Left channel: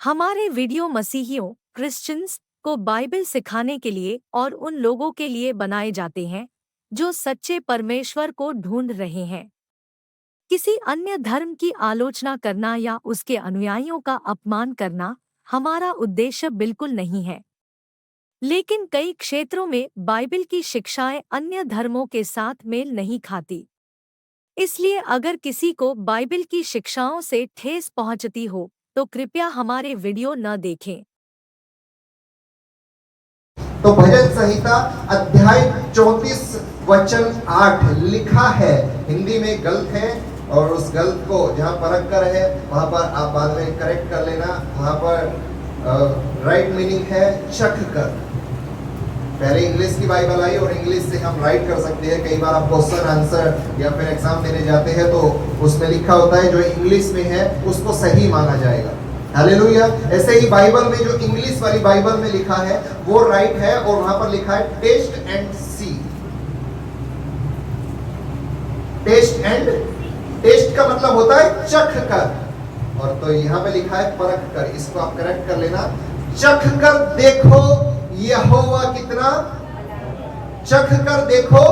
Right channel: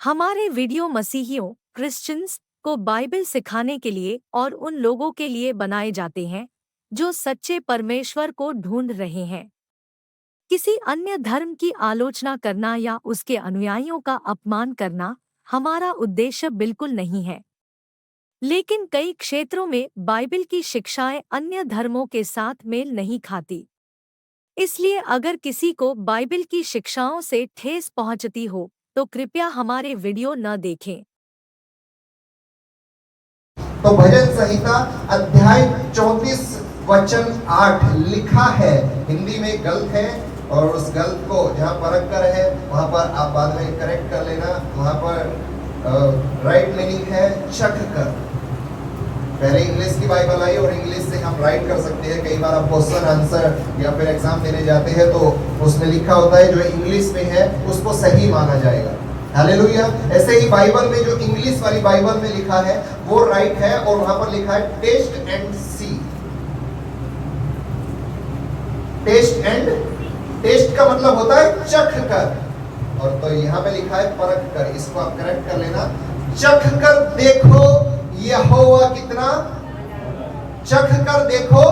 हमारे video मसीहियों Christians को Bible सिखाने के लिए और उन लोगों के लिए बनाए जाते हैं जो सच्चे परमेश्वर को ढूंढ रहे हैं। किसी अन्य धर्म की आलोचना करना या उसके अनुयायियों का अपमान करना हमारा उद्देश्य बिल्कुल नहीं है। लेकिन कई क्षेत्रों में बाइबल की शिक्षाएं अन्य धर्मों के साथ मेल नहीं खाती। इसलिए अगर किसी को बाइबल की शिक्षाओं से ठेस पहुंचती हो तो कृपया हमारे वीडियो न देखें। तो भजन संहिता अध्याय 34 वचन 8 लिखा है। हिंदी में गलत है और उस गलत को जहाँ परख कर है वहां पर आप बाद में करेक्ट कर लेना। वहां पर राइट मीनिंग है चख कर। पहले इंग्लिश की बाइबल आई और इंग्लिश से हम राइट कर सकते हैं। कई बार आप क्वेश्चन आंसर या फिर एग्जाम देने जाते हैं तो उसमें लिखा होता है जो इंग्लिश में है उसको सही माना जाएगा। हालेलुया। ऐसे ही बाइबल में जो इंग्लिश वाली बाइबल में लिखा है वो राइट है और वहां पर लिखा है टेस्ट एंड सी। टेस्ट का मतलब होता है चख कर, और तो यहां पे लिखा है परख कर। इसको आप करेक्ट कर लेना। चख कर देखो यहोवा कितना, चख कर देखो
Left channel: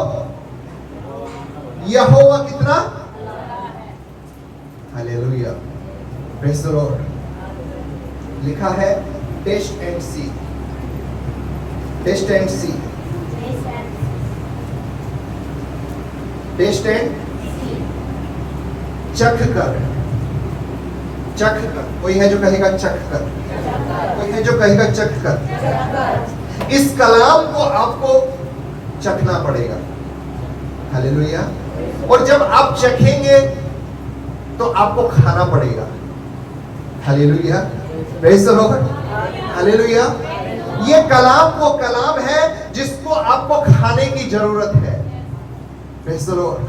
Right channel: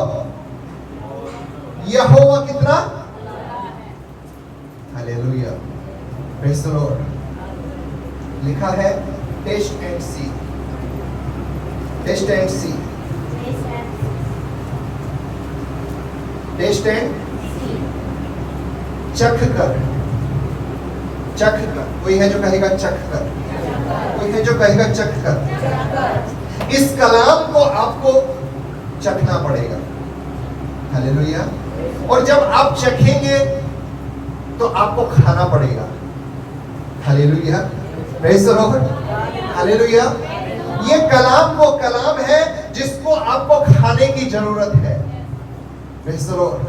यहोवा कितना। Hallelujah, praise the Lord. लिखा है taste and see, taste and see, taste and चख कर, चख कर। कोई है जो कहेगा चख कर, कोई है जो कहेगा चख कर। इस कलाम को आपको चखना पड़ेगा। हालेलुया। और जब आप चखेंगे तो आपको खाना पड़ेगा। Hallelujah, praise the Lord. Hallelujah. ये कलाम वो कलाम है जिसको आपको खाने की जरूरत है। Praise the Lord.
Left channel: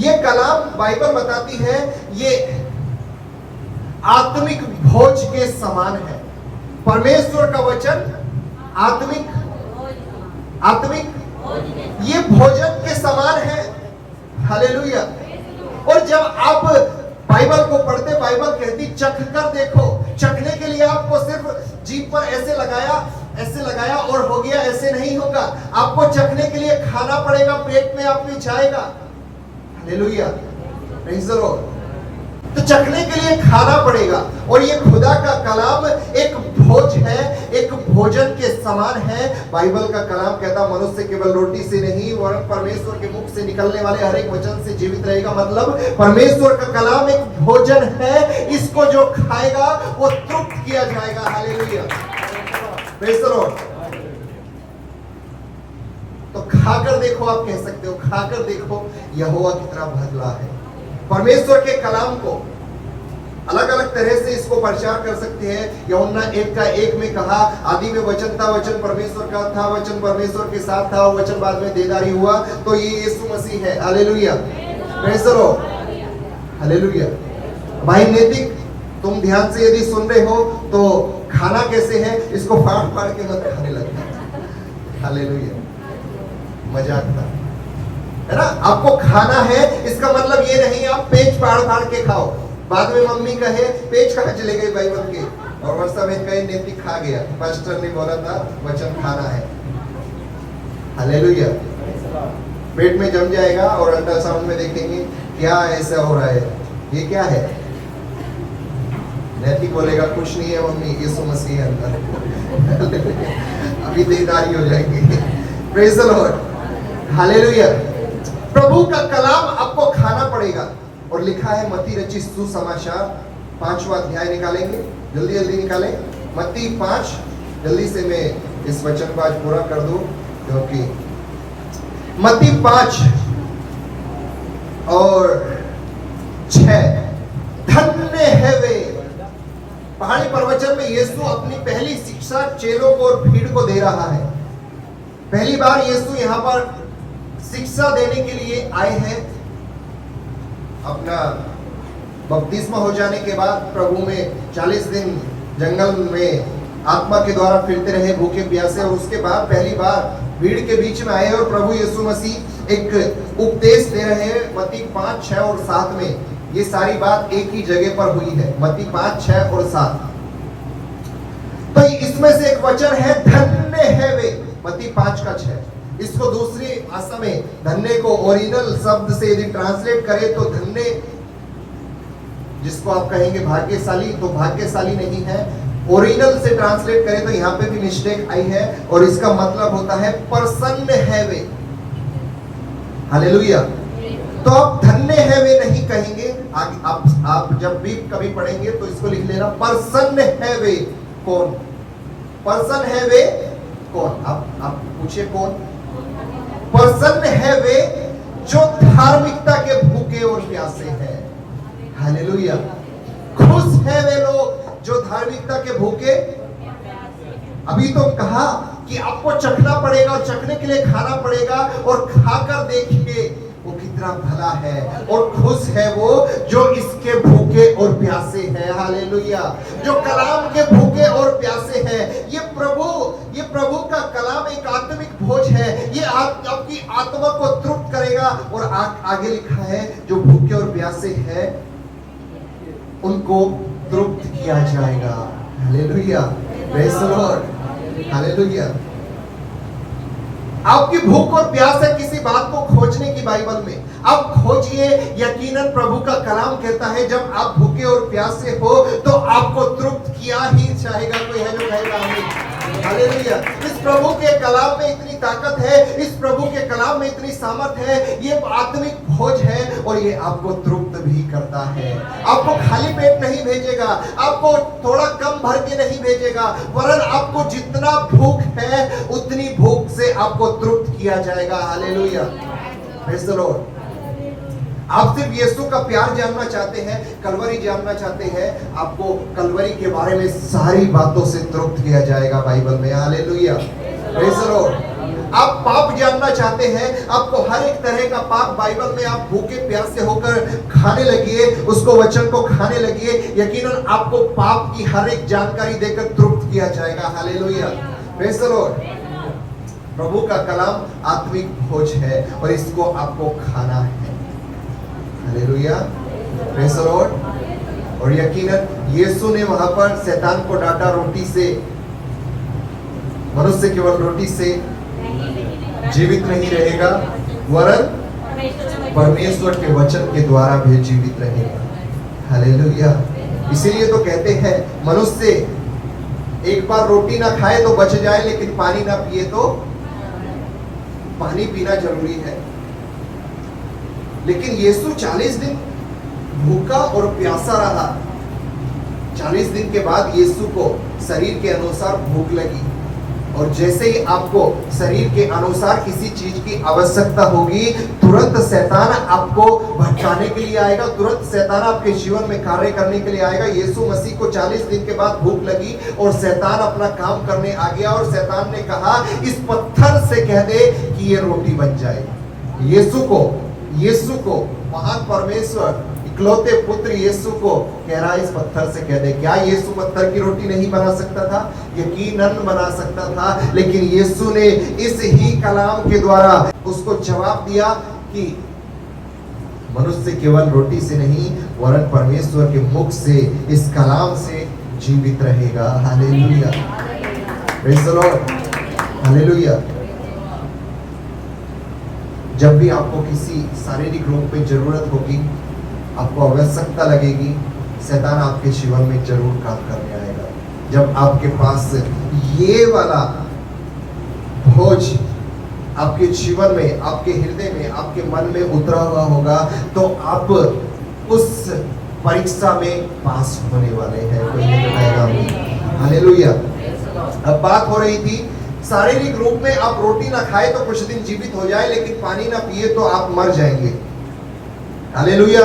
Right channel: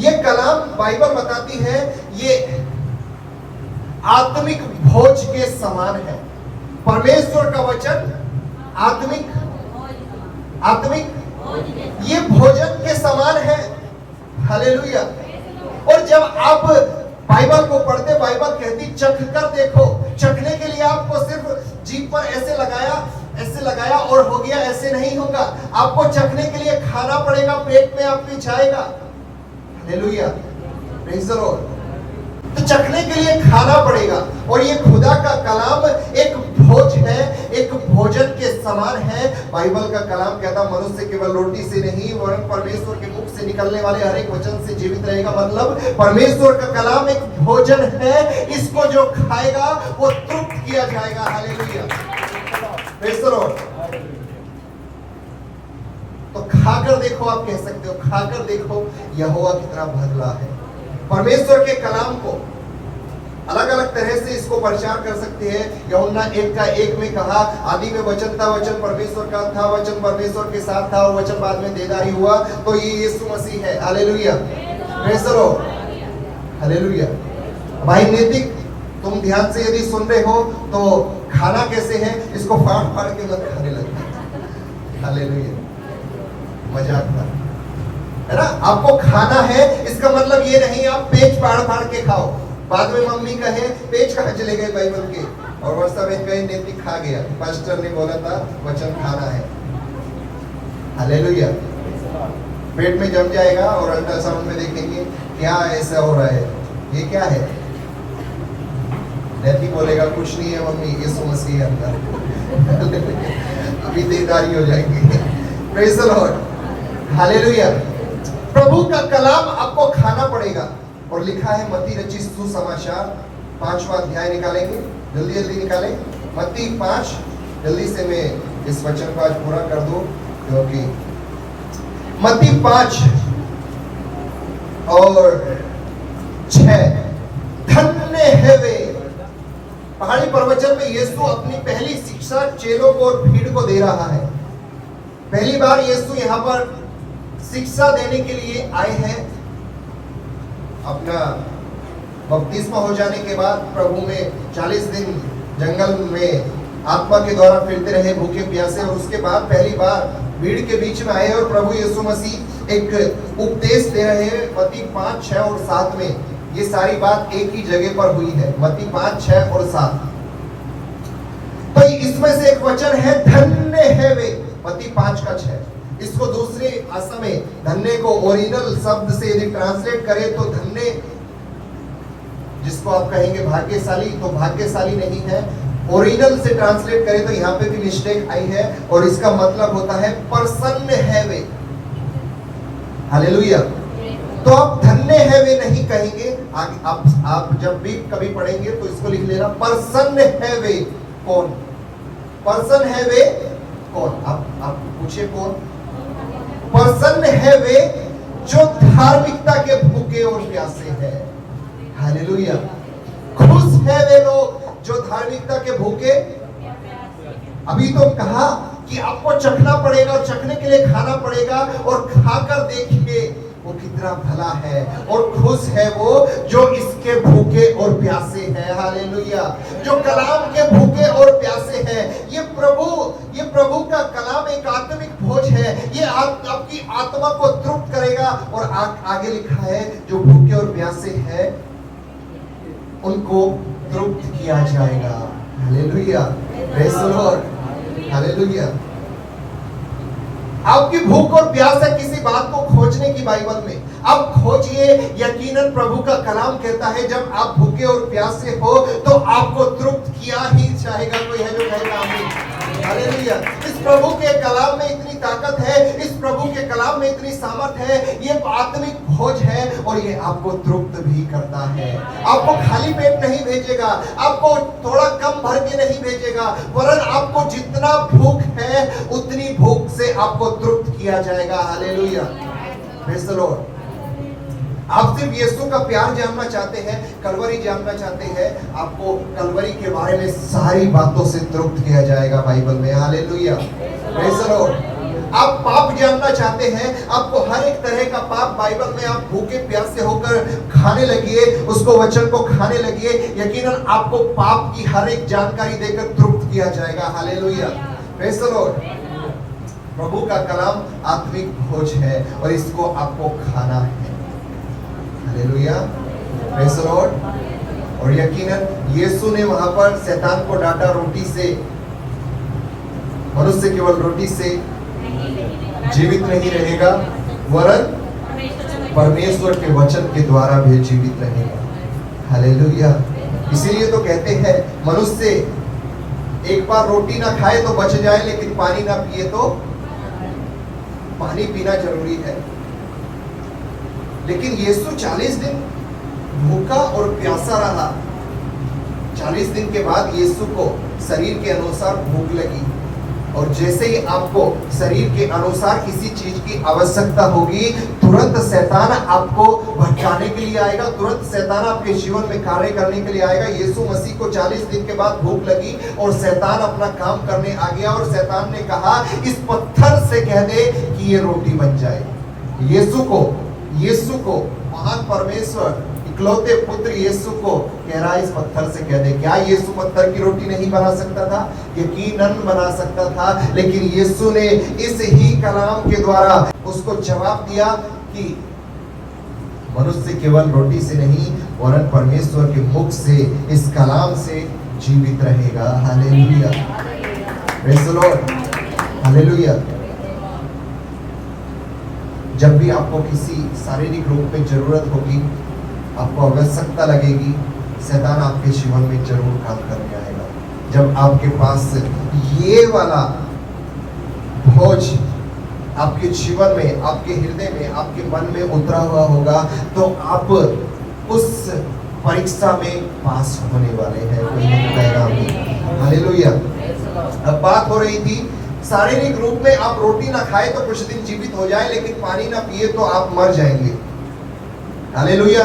ये कलाम बाइबल बताती है ये आत्मिक भोज के समान है। परमेश्वर का वचन आत्मिक ये भोजन के समान है। हालेलुया। और जब आप बाइबल को पढ़ते, बाइबल कहती चख कर देखो। चखने के लिए आपको सिर्फ जीभ पर ऐसे लगाया और हो गया, ऐसे नहीं होगा। आपको चखने के लिए खाना पड़ेगा, पेट में आपके जाएगा। Hallelujah, praise the Lord. तो चखने के लिए खाना पड़ेगा। और ये खुदा का कलाम एक भोज है, एक भोजन के समान है। बाइबल का कलाम कहता मनुष्य केवल रोटी से नहीं वरन परमेश्वर के मुख से निकलने वाले हर एक वचन से जीवित रहेगा। मतलब परमेश्वर का कलाम एक भोजन है। इसको जो खाएगा वो तृप्त किया जाएगा। Hallelujah, praise the Lord. तो खाकर देखो, आप कह सकते हो खाकर देखो यहोवा कितना भला है। परमेश्वर के कलाम को अलग अलग तरह से इसको प्रचार कर सकते हैं। यूहन्ना 1:1 में कहा आदि में वचन था, वचन परमेश्वर का था, वचन परमेश्वर के साथ था और वचन बाद में देदारी हुआ। तो ये यीशु मसीह है। Hallelujah, praise the Lord. Hallelujah. भाई नैतिक, तुम ध्यान से यदि सुन रहे हो तो खाना कैसे है इसको फाड़ के मत खाने लगे। हालेलुया, मजाक था, है ना। आपको खाना है इसका मतलब ये नहीं आप पेच फाड़ के खाओ। बाद में मम्मी कहे पेच कहाँ चले गए बाइबल के, और वर्षा में कहे नैतिक खा गया, पास्टर ने बोला था वचन खाना है। हालेलुया। पेट में जम जाएगा और अल्ट्रासाउंड में देखेंगे क्या ऐसा हो रहा है, ये क्या है। नैतिक बोलेगा कुछ नहीं है मम्मी, यीशु मसीह अंदर। अभी देदारी हो जाएगी। Praise the Lord. हालेलुया। प्रभु का कलाम आपको खाना पड़ेगा। और लिखा है मत्ती रचित सुसमाचार 5वां अध्याय निकालेंगे, जल्दी निकालें। मत्ती 5, जल्दी से मैं इस वचन को आज पूरा कर दूं, क्योंकि मत्ती 5 और 6 धन्य है वे। पहाड़ी प्रवचन में यीशु अपनी पहली शिक्षा चेलों को और भीड़ को दे रहा है। पहली बार यीशु यहाँ पर शिक्षा देने के लिए आए हैं। अपना बपतिस्मा हो जाने के बाद प्रभु में 40 दिन जंगल में आत्मा के द्वारा फिरते रहे भूखे प्यासे, और उसके बाद पहली बार भीड़ के बीच में आए और प्रभु यीशु मसीह एक उपदेश दे रहे हैं। मत्ती 5, 6 और 7 में ये सारी बात एक ही जगह पर हुई है। मत्ती 5, 6 और 7। तो इसमें से एक वचन है धन्य है वे, मत्ती 5:6। इसको दूसरी भाषा में धन्य को ओरिजिनल शब्द से यदि ट्रांसलेट करें तो धन्य, जिसको आप कहेंगे भाग्यशाली, तो भाग्यशाली नहीं है। ओरिजिनल से ट्रांसलेट करें तो यहाँ पे भी मिस्टेक आई है और इसका मतलब होता है प्रसन्न है वे। हालेलुया। तो आप धन्य है वे नहीं कहेंगे, आप जब भी कभी पढ़ेंगे तो इसको लिख लेना प्रसन्न है वे कौन, प्रसन्न है वे कौन, आप पूछिए कौन। प्रसन्न है वे जो धार्मिकता के भूखे और प्यासे हैं। हालेलुया। खुश है वे लोग जो धार्मिकता के भूखे। अभी तो कहा कि आपको चखना पड़ेगा और चखने के लिए खाना पड़ेगा, और खाकर देखिए वो कितना भला है और खुश है वो जो इसके भूखे और प्यासे हैं। हालेलुया। जो कलाम के भूखे और प्यासे हैं। ये प्रभु का कलाम एक आत्मिक भोज है। ये आपकी आत्मा को तृप्त करेगा। और आगे लिखा है जो भूखे और प्यासे हैं उनको तृप्त किया जाएगा। Hallelujah. Praise the Lord. Hallelujah. आपकी भूख और प्यास है किसी बात को खोजने की बाइबल में, आप खोजिए। यकीनन प्रभु का कलाम कहता है जब आप भूखे और प्यासे हो तो आपको तृप्त किया ही जाएगा। कोई है जो कहेगा आमीन। हालेलुया। इस प्रभु के कलाम में इतनी ताकत है, इस प्रभु के कलाम में इतनी सामर्थ है। ये आत्मिक भोज है और ये आपको तृप्त भी करता है। आपको खाली पेट नहीं भेजेगा, आपको थोड़ा कम भर के नहीं भेजेगा, वरन आपको जितना भूख है उतनी भूख से आपको तृप्त किया जाएगा। हालेलुया। Praise the Lord. आप सिर्फ यीशु का प्यार जानना चाहते हैं, कलवरी जानना चाहते हैं, आपको कलवरी के बारे में सारी बातों से तृप्त किया जाएगा बाइबल में। हालेलुया। Praise the Lord. आप पाप जानना चाहते हैं, आपको हर एक तरह का पाप बाइबल में आप भूखे प्यासे होकर खाने लगिए, उसको वचन को खाने लगिए, यकीनन आपको पाप की हर एक जानकारी देकर तृप्त किया जाएगा। हालेलुया। Praise the lord. प्रभु का कलाम आत्मिक भोज है और इसको आपको खाना है। हालेलुया। Praise the Lord. और यकीनन यीशु ने वहां पर शैतान को डांटा रोटी से। मनुष्य केवल रोटी से जीवित नहीं रहेगा, वरन परमेश्वर के वचन के द्वारा भी जीवित रहेगा। हालेलुया। इसीलिए तो कहते हैं मनुष्य एक बार रोटी ना खाए तो बच जाए, लेकिन पानी ना पिए तो, पानी पीना जरूरी है। लेकिन यीशु 40 दिन भूखा और प्यासा रहा। 40 दिन के बाद यीशु को शरीर के अनुसार भूख लगी, और जैसे ही आपको शरीर के अनुसार किसी चीज की आवश्यकता होगी, तुरंत शैतान आपको भटकाने के लिए आएगा, तुरंत शैतान आपके जीवन में कार्य करने के लिए आएगा। यीशु मसीह को 40 दिन के बाद भूख लगी और शैतान अपना काम करने आ गया, और शैतान ने कहा इस पत्थर से कह दे कि ये रोटी बन जाए। यीशु को महान परमेश्वर इकलौते पुत्र यीशु को कह रहा है इस पत्थर से कह दे। क्या यीशु पत्थर की रोटी नहीं बना सकता था? यकीनन बना सकता था, लेकिन यीशु ने इस ही कलाम के द्वारा उसको जवाब दिया कि मनुष्य केवल रोटी से नहीं वरन परमेश्वर के मुख से, इस कलाम से जीवित रहेगा। Hallelujah. Praise the Lord. Hallelujah. जब भी आपको किसी शारीरिक रूप में जरूरत होगी, आपको आवश्यकता लगेगी, शैतान आपके जीवन में जरूर काम करने आएगा। जब आपके पास ये वाला भोज आपके जीवन में, आपके हृदय में, आपके मन में उतरा हुआ होगा, तो आप उस परीक्षा में पास होने वाले हैं। कोई नहीं बताएगा। हालेलुया। अब बात हो रही थी शारीरिक रूप में आप रोटी ना खाए तो कुछ दिन जीवित हो जाए, लेकिन पानी ना पिए तो आप मर जाएंगे। हालेलुया।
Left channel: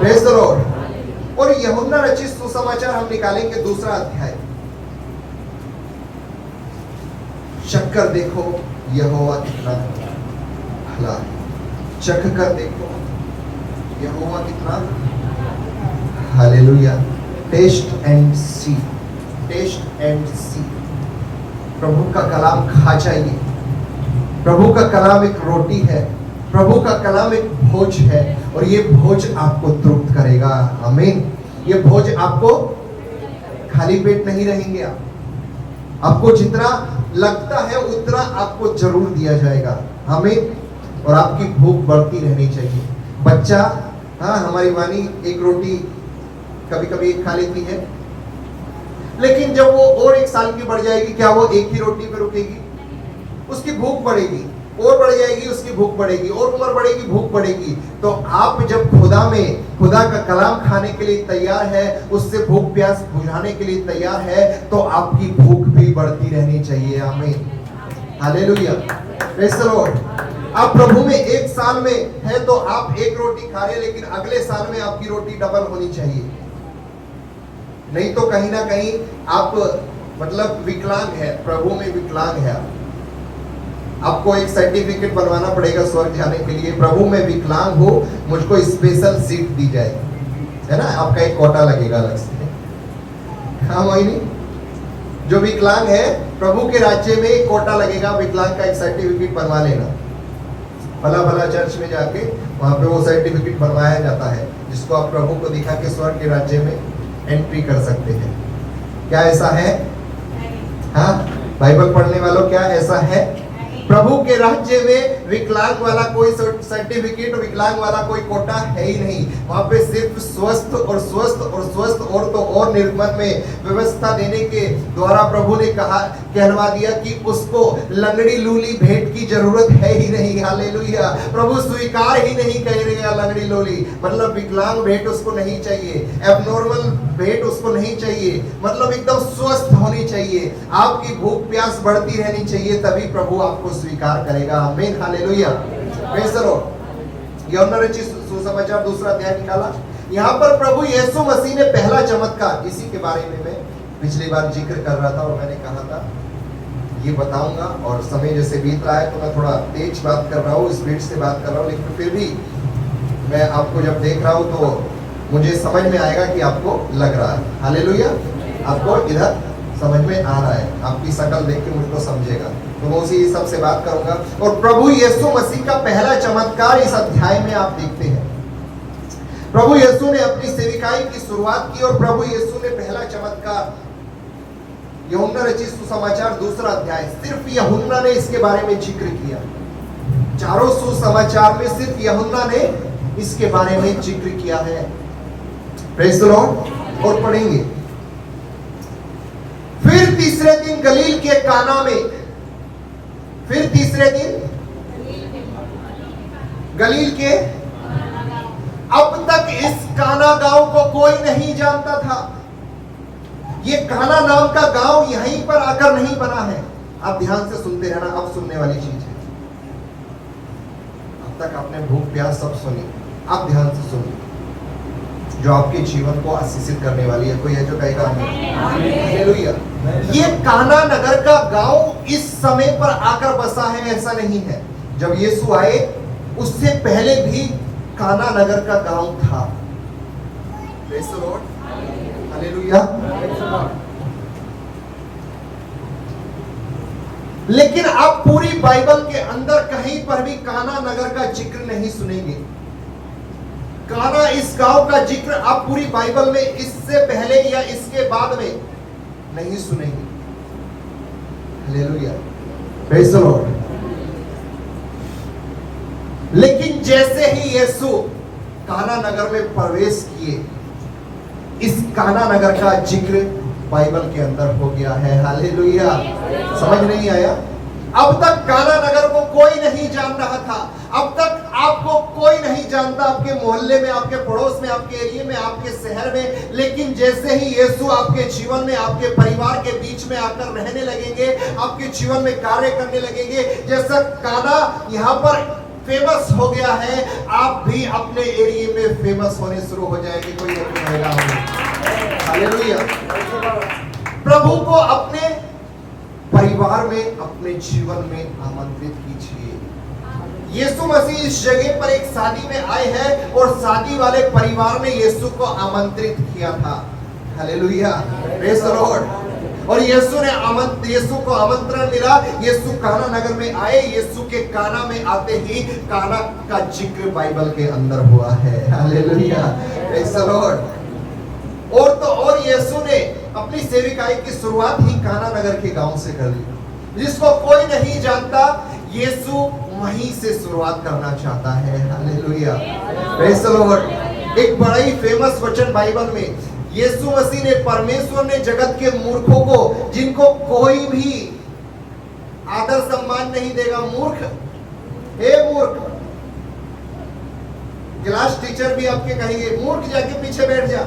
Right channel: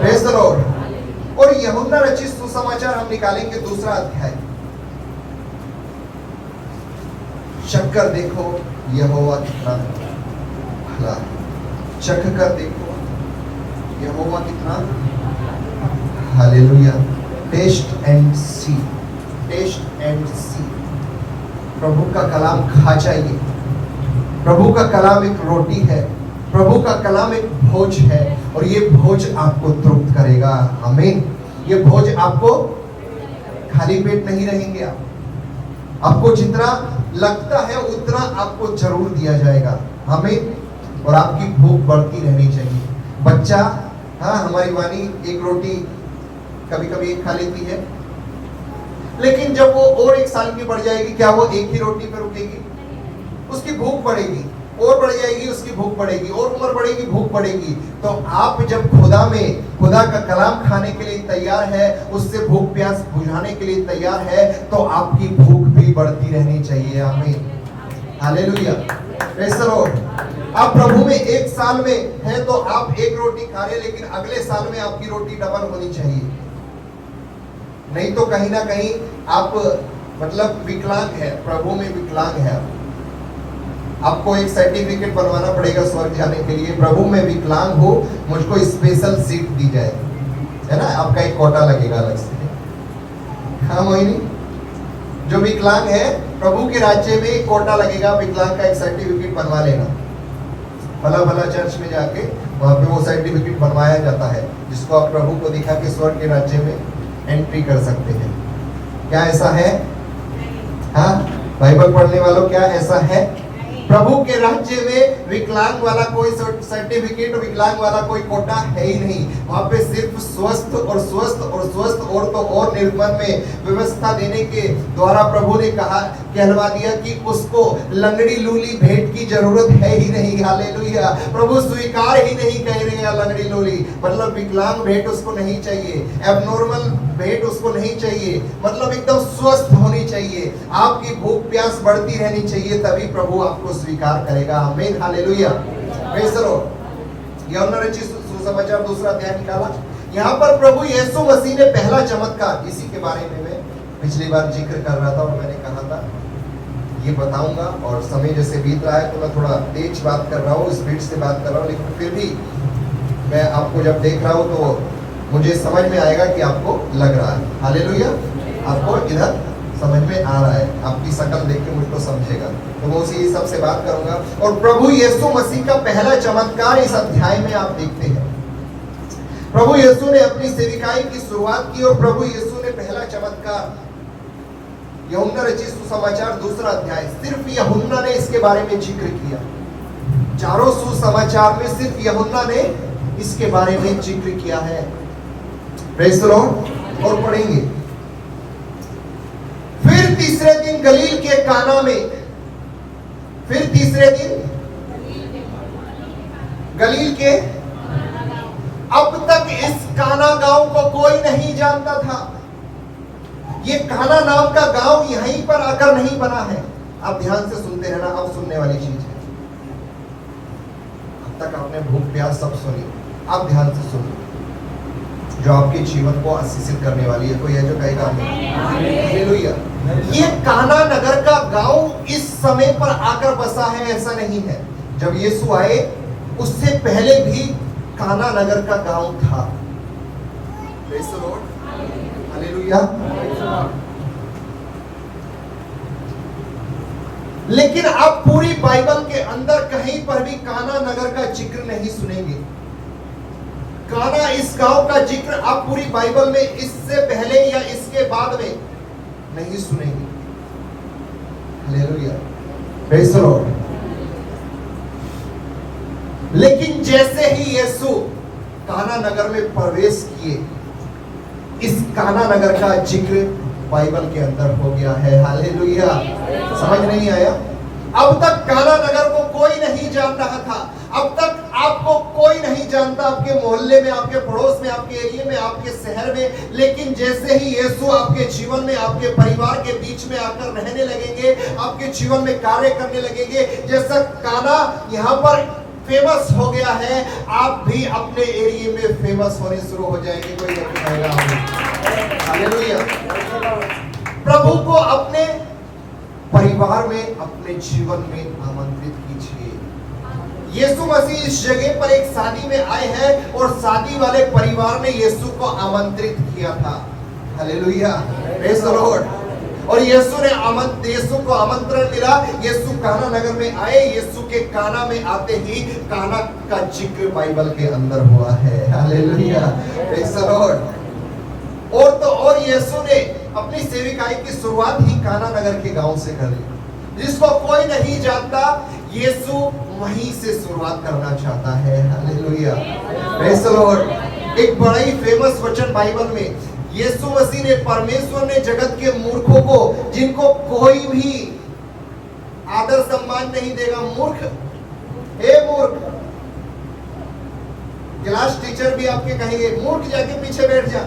Praise the Lord. और यूहन्ना रचित सुसमाचार हम निकालेंगे 2 अध्याय। चख कर देखो यहोवा कितना भला है। चख कर देखो यहोवा कितना। Hallelujah. Taste and see, taste and see. प्रभु का कलाम खा जाइए। प्रभु का कलाम एक रोटी है, प्रभु का कलाम एक भोज है, और ये भोज आपको तृप्त करेगा। आमीन। ये भोज आपको खाली पेट नहीं रहेंगे आप। आपको जितना लगता है उतना आपको जरूर दिया जाएगा। हमें और आपकी भूख बढ़ती रहनी चाहिए। बच्चा, हाँ, हमारी वानी एक रोटी कभी कभी एक खा लेती है, लेकिन जब वो और 1 साल की बढ़ जाएगी, क्या वो एक ही रोटी पे रुकेगी? उसकी भूख बढ़ेगी, और बढ़ जाएगी, उसकी भूख बढ़ेगी, और उम्र बढ़ेगी, भूख बढ़ेगी। तो आप जब खुदा का कलाम खाने के लिए तैयार है, उससे भूख प्यास बुझाने के लिए तैयार है, तो आपकी भूख भी बढ़ती रहनी चाहिए। आमीन, हालेलुया, प्रेज़ द लॉर्ड। आप प्रभु में 1 साल में है तो आप 1 रोटी खा रहे, लेकिन अगले साल में आपकी रोटी डबल होनी चाहिए। नहीं तो कहीं ना कहीं आप मतलब विकलांग है, प्रभु में विकलांग है। आपको एक सर्टिफिकेट बनवाना पड़ेगा स्वर्ग जाने के लिए, प्रभु में विकलांग हो, मुझको स्पेशल सीट दी जाए, है ना? आपका एक कोटा लगेगा अलग से। हाँ, वही नहीं, जो विकलांग है प्रभु के राज्य में एक कोटा लगेगा, विकलांग का एक सर्टिफिकेट बनवा लेना। भला भला चर्च में जाके वहां पे वो सर्टिफिकेट बनवाया जाता है, जिसको आप प्रभु को दिखा के स्वर्ग के राज्य में एंट्री कर सकते हैं। क्या ऐसा है? हाँ, बाइबल पढ़ने वालों, क्या ऐसा है? प्रभु के राज्य में विकलांग वाला कोई सर्टिफिकेट, विकलांग वाला कोई कोटा है ही नहीं। वहां पे सिर्फ स्वस्थ और स्वस्थ और स्वस्थ और तो और निर्गमन में व्यवस्था देने के द्वारा प्रभु ने कहलवा दिया कि उसको लंगड़ी लूली भेंट की जरूरत है ही नहीं। हालेलुया, प्रभु स्वीकार ही नहीं करेगा लंगड़ी लूली, मतलब विकलांग भेंट उसको नहीं चाहिए, एबनॉर्मल भेंट उसको नहीं चाहिए, मतलब एकदम स्वस्थ होनी चाहिए। आपकी भूख प्यास बढ़ती रहनी चाहिए, तभी प्रभु आपको स्वीकार करेगा। आमीन, हालेलुया, प्रेज़ द लॉर्ड। यूहन्ना रचित सुसमाचार 2 अध्याय निकाला। यहाँ पर प्रभु यीशु मसीह ने पहला चमत्कार, इसी के बारे में मैं पिछली बार जिक्र कर रहा था और मैंने कहा था ये बताऊंगा, और समय जैसे बीत रहा है तो मैं थोड़ा तेज बात कर रहा हूँ, स्पीड से बात कर रहा हूँ, लेकिन फिर भी मैं आपको जब देख रहा हूँ तो मुझे समझ में आएगा कि आपको लग रहा है। हालेलुया, आपको इधर समझ में आ रहा है, आपकी शकल देख के मुझको समझेगा, तो मैं उसी हिसाब से बात करूंगा। और प्रभु यीशु मसीह का पहला चमत्कार इस अध्याय में आप देखते हैं। प्रभु यीशु ने अपनी सेविकाई की शुरुआत की और प्रभु यीशु ने पहला चमत्कार यूहन्ना रचित सुसमाचार 2 अध्याय, सिर्फ यूहन्ना ने इसके बारे में जिक्र किया। चारों सुसमाचार में सिर्फ यूहन्ना ने इसके बारे में जिक्र किया है। Praise the Lord. और पढ़ेंगे, फिर तीसरे दिन गलील के काना में, फिर तीसरे दिन गलील के, अब तक इस काना गांव को कोई नहीं जानता था। ये काना नाम का गांव यहीं पर आकर नहीं बना है। आप ध्यान से सुनते रहना, अब सुनने वाली चीज है। अब तक आपने भूख प्यास सब सुनी, आप ध्यान से सुनिए, जो आपके जीवन को आशीषित करने वाली है। कोई है जो कहेगा हालेलुया। ये काना नगर का गांव इस समय पर आकर बसा है, ऐसा नहीं है। जब यीशु आए उससे पहले भी काना नगर का गांव था। Praise the Lord, hallelujah. लेकिन आप पूरी बाइबल के अंदर कहीं पर भी काना नगर का जिक्र नहीं सुनेंगे। काना इस गांव का जिक्र आप पूरी बाइबल में इससे पहले या इसके बाद में नहीं सुनेंगे। Hallelujah, praise the Lord. लेकिन जैसे ही यीशु काना नगर में प्रवेश किए, इस काना नगर का जिक्र बाइबल के अंदर हो गया है। हालेलुया, समझ नहीं आया? अब तक काना नगर को कोई नहीं जान रहा था, अब तक आपको कोई नहीं जानता, आपके मोहल्ले में, आपके पड़ोस में, आपके एरिया में, आपके शहर में। लेकिन जैसे ही यीशु आपके जीवन में, आपके परिवार के बीच में आकर रहने लगेंगे, आपके जीवन में कार्य करने लगेंगे, जैसा काना यहाँ पर फेमस हो गया है, आप भी अपने एरिया में फेमस होने शुरू हो जाएंगे। कोई कहेगा हालेलुया। प्रभु को अपने परिवार में, अपने जीवन में आमंत्रित कीजिए। यीशु मसीह इस जगह पर एक शादी में आए हैं और शादी वाले परिवार ने यीशु को आमंत्रित किया था। Hallelujah, praise the Lord. और यीशु को आमंत्रण मिला, यीशु काना नगर में आए। यीशु के काना में आते ही काना का जिक्र बाइबल के अंदर हुआ है। Hallelujah, praise the Lord. और तो और यीशु ने अपनी सेविकाई की शुरुआत ही काना नगर के गांव से कर ली, जिसको कोई नहीं जानता। यीशु वहीं से शुरुआत करना चाहता है। Hallelujah, praise the Lord. एक बड़ा ही फेमस वचन बाइबल में यीशु मसीह ने, परमेश्वर ने जगत के मूर्खों को, जिनको कोई भी आदर सम्मान नहीं देगा, मूर्ख, हे मूर्ख, क्लास टीचर भी आपके कहेंगे मूर्ख जाके पीछे बैठ जा,